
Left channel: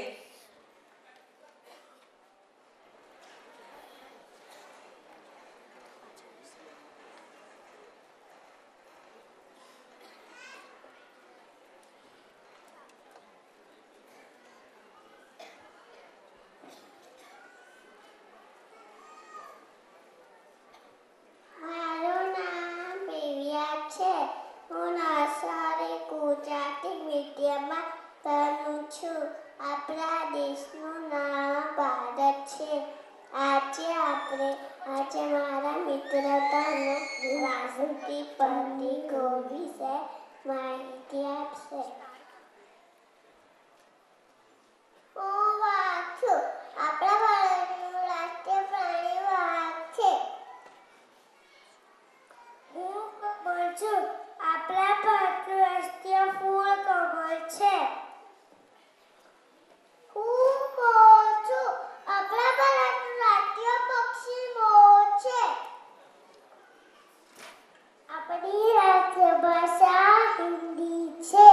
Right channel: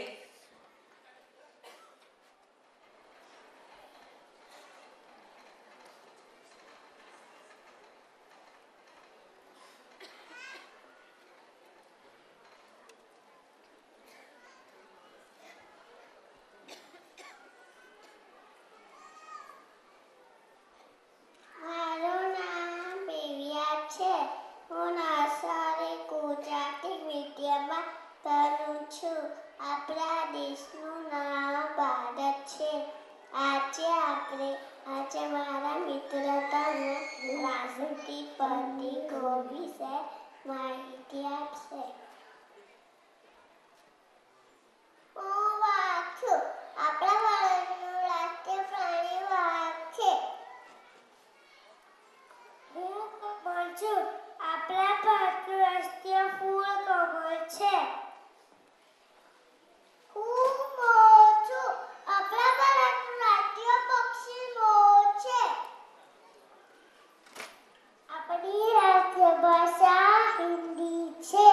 મારું નામ પેવિયા છે. હું નર્સરી ગુજરાતી મીડિયમમાં ભણું છું. આપણા દેશનું નામ ભારત છે. આજે મારા મિત્રો તમને રાષ્ટ્રીય પ્રતીકો વિશે માહિતી આપશે. હું વાઘ છું. આપણા ભારતનું રાષ્ટ્રીય પ્રાણી વાઘ છે. હું કમળ છું. આપણા ભારતનું રાષ્ટ્રીય ફૂલ કમળ છે. હું મોર છું. આપણા ભારતનું રાષ્ટ્રીય પક્ષી મોર છે. આપણી રાષ્ટ્રીય ભાષા હિન્દી છે.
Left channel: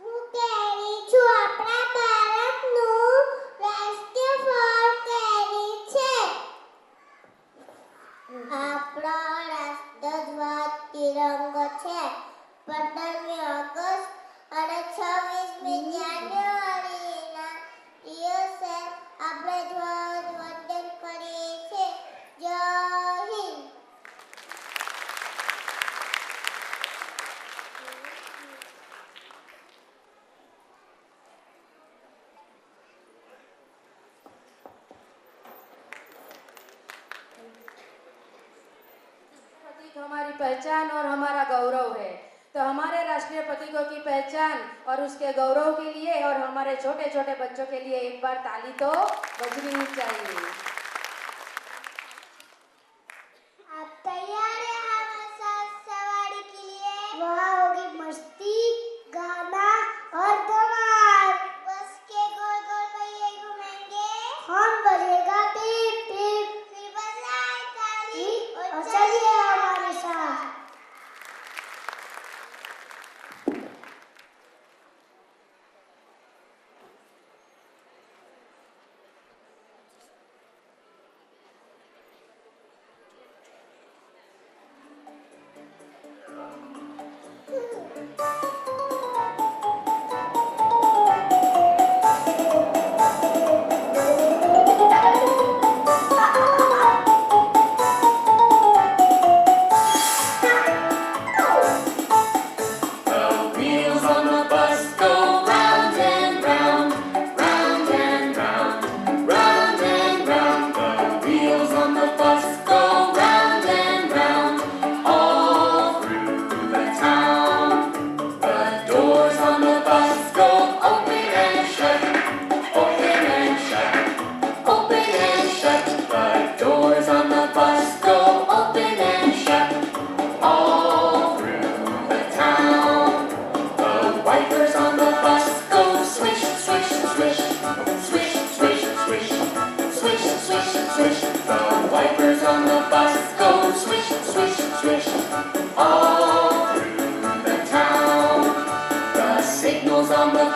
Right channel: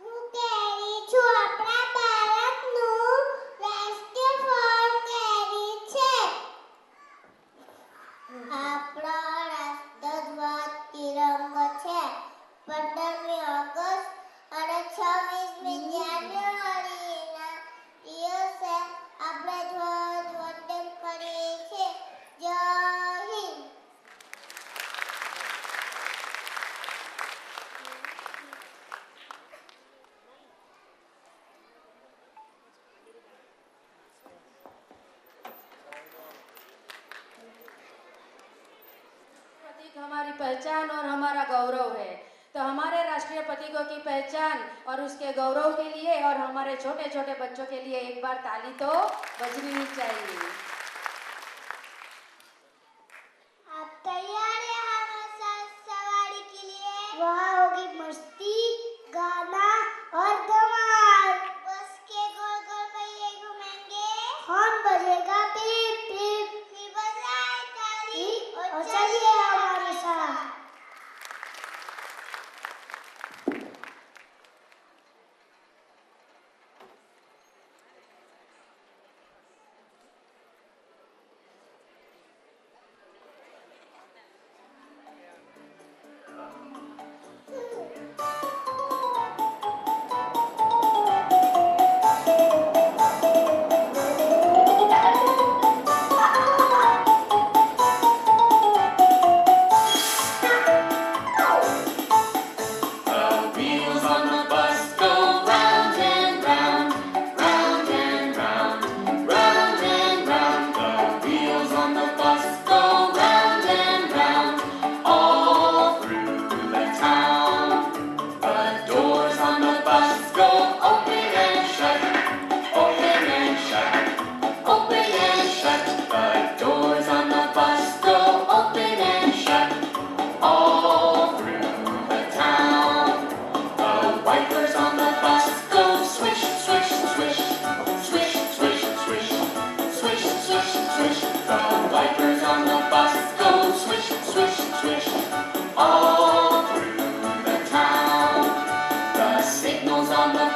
હું કેરી છું. આપણા ભારતનું રાષ્ટ્રીય ફળ કેરી છે. આપણો રાષ્ટ્રધ્વજ તિરંગો છે. 15મી ઓગસ્ટ અને 26મી જાન્યુઆરીના દિવસે આપણે ધ્વજવંદન કરીએ છીએ. જય હિન્દ. प्रतीक हमारी पहचान और हमारा गौरव है। तो हमारे राष्ट्रीय प्रतीकों की पहचान और उसके गौरव के लिए और हमारे छोटे छोटे बच्चों के लिए एक बार ताली तो बजनी ही चाहिए। आप तैयार हैं हमारे साथ सवारी के लिए? वहाँ होगी मस्ती, गाना और धमाल. बस के गोल गोल पहिए घूमेंगे. हॉर्न बजेगा पीप पीप. फिर बजाए ताली और चलिए हमारे साथ.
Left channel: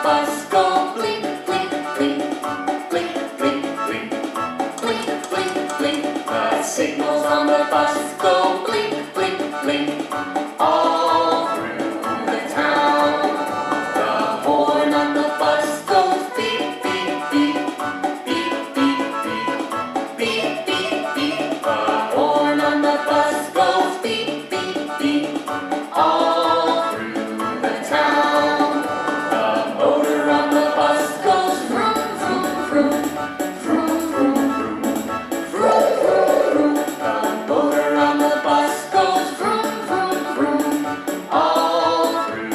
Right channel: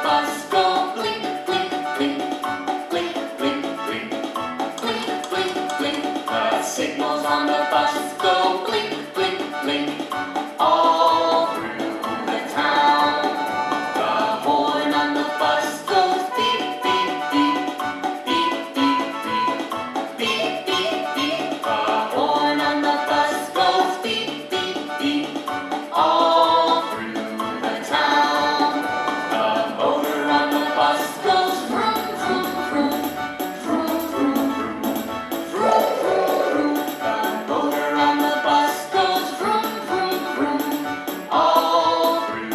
bus go blink, blink, blink, blink, blink, blink, blink, blink, blink. The signals on the bus go blink, blink, blink, all through the town. The horn on the bus goes beep, beep, beep, beep, beep, beep, beep, beep, beep. The horn on the bus goes beep, beep, beep, all through the town. The motor on the bus goes vroom, vroom, vroom, vroom, vroom, vroom, vroom, vroom, vroom. The motor on the bus goes vroom, vroom, vroom, all through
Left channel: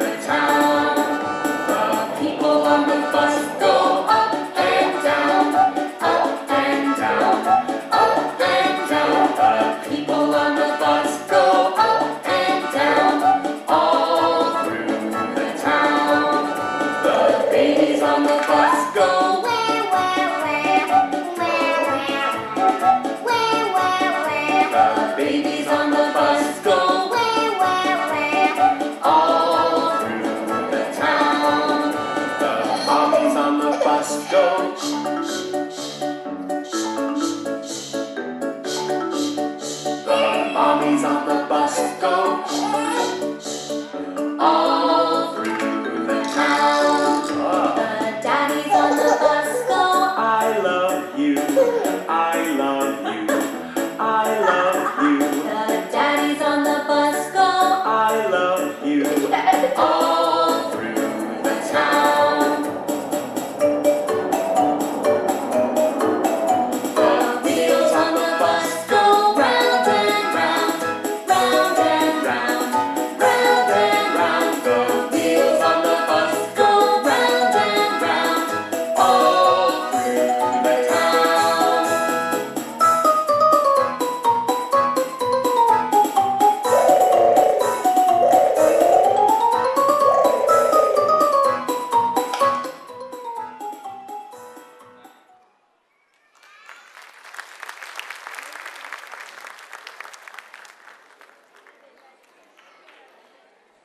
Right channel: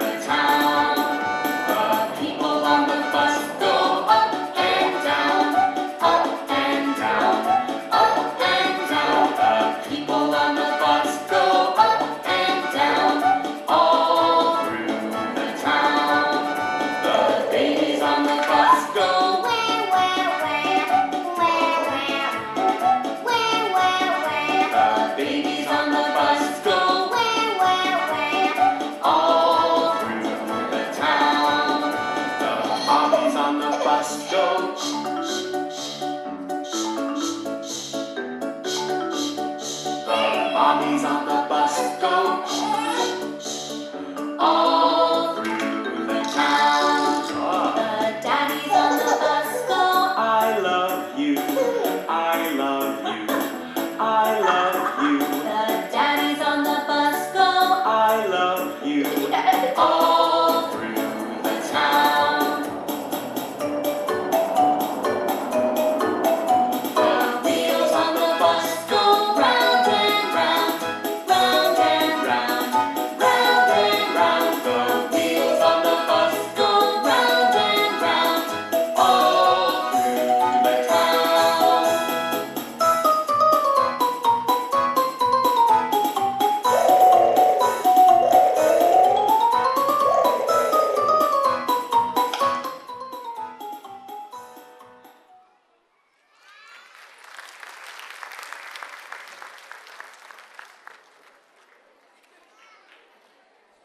the town. The people on the bus go up and down, up and down, up and down. The people on the bus go up and down, all through the town. The babies on the bus go Where, where, where, where, where, where, where, The babies on the bus go where, where, where, all through the town. The mommies on the bus go shh, shh, The mommies on the bus go shh, all through the town. The daddies on the bus go. I love you, I love you, I love you, The daddies on the bus go. I love you, all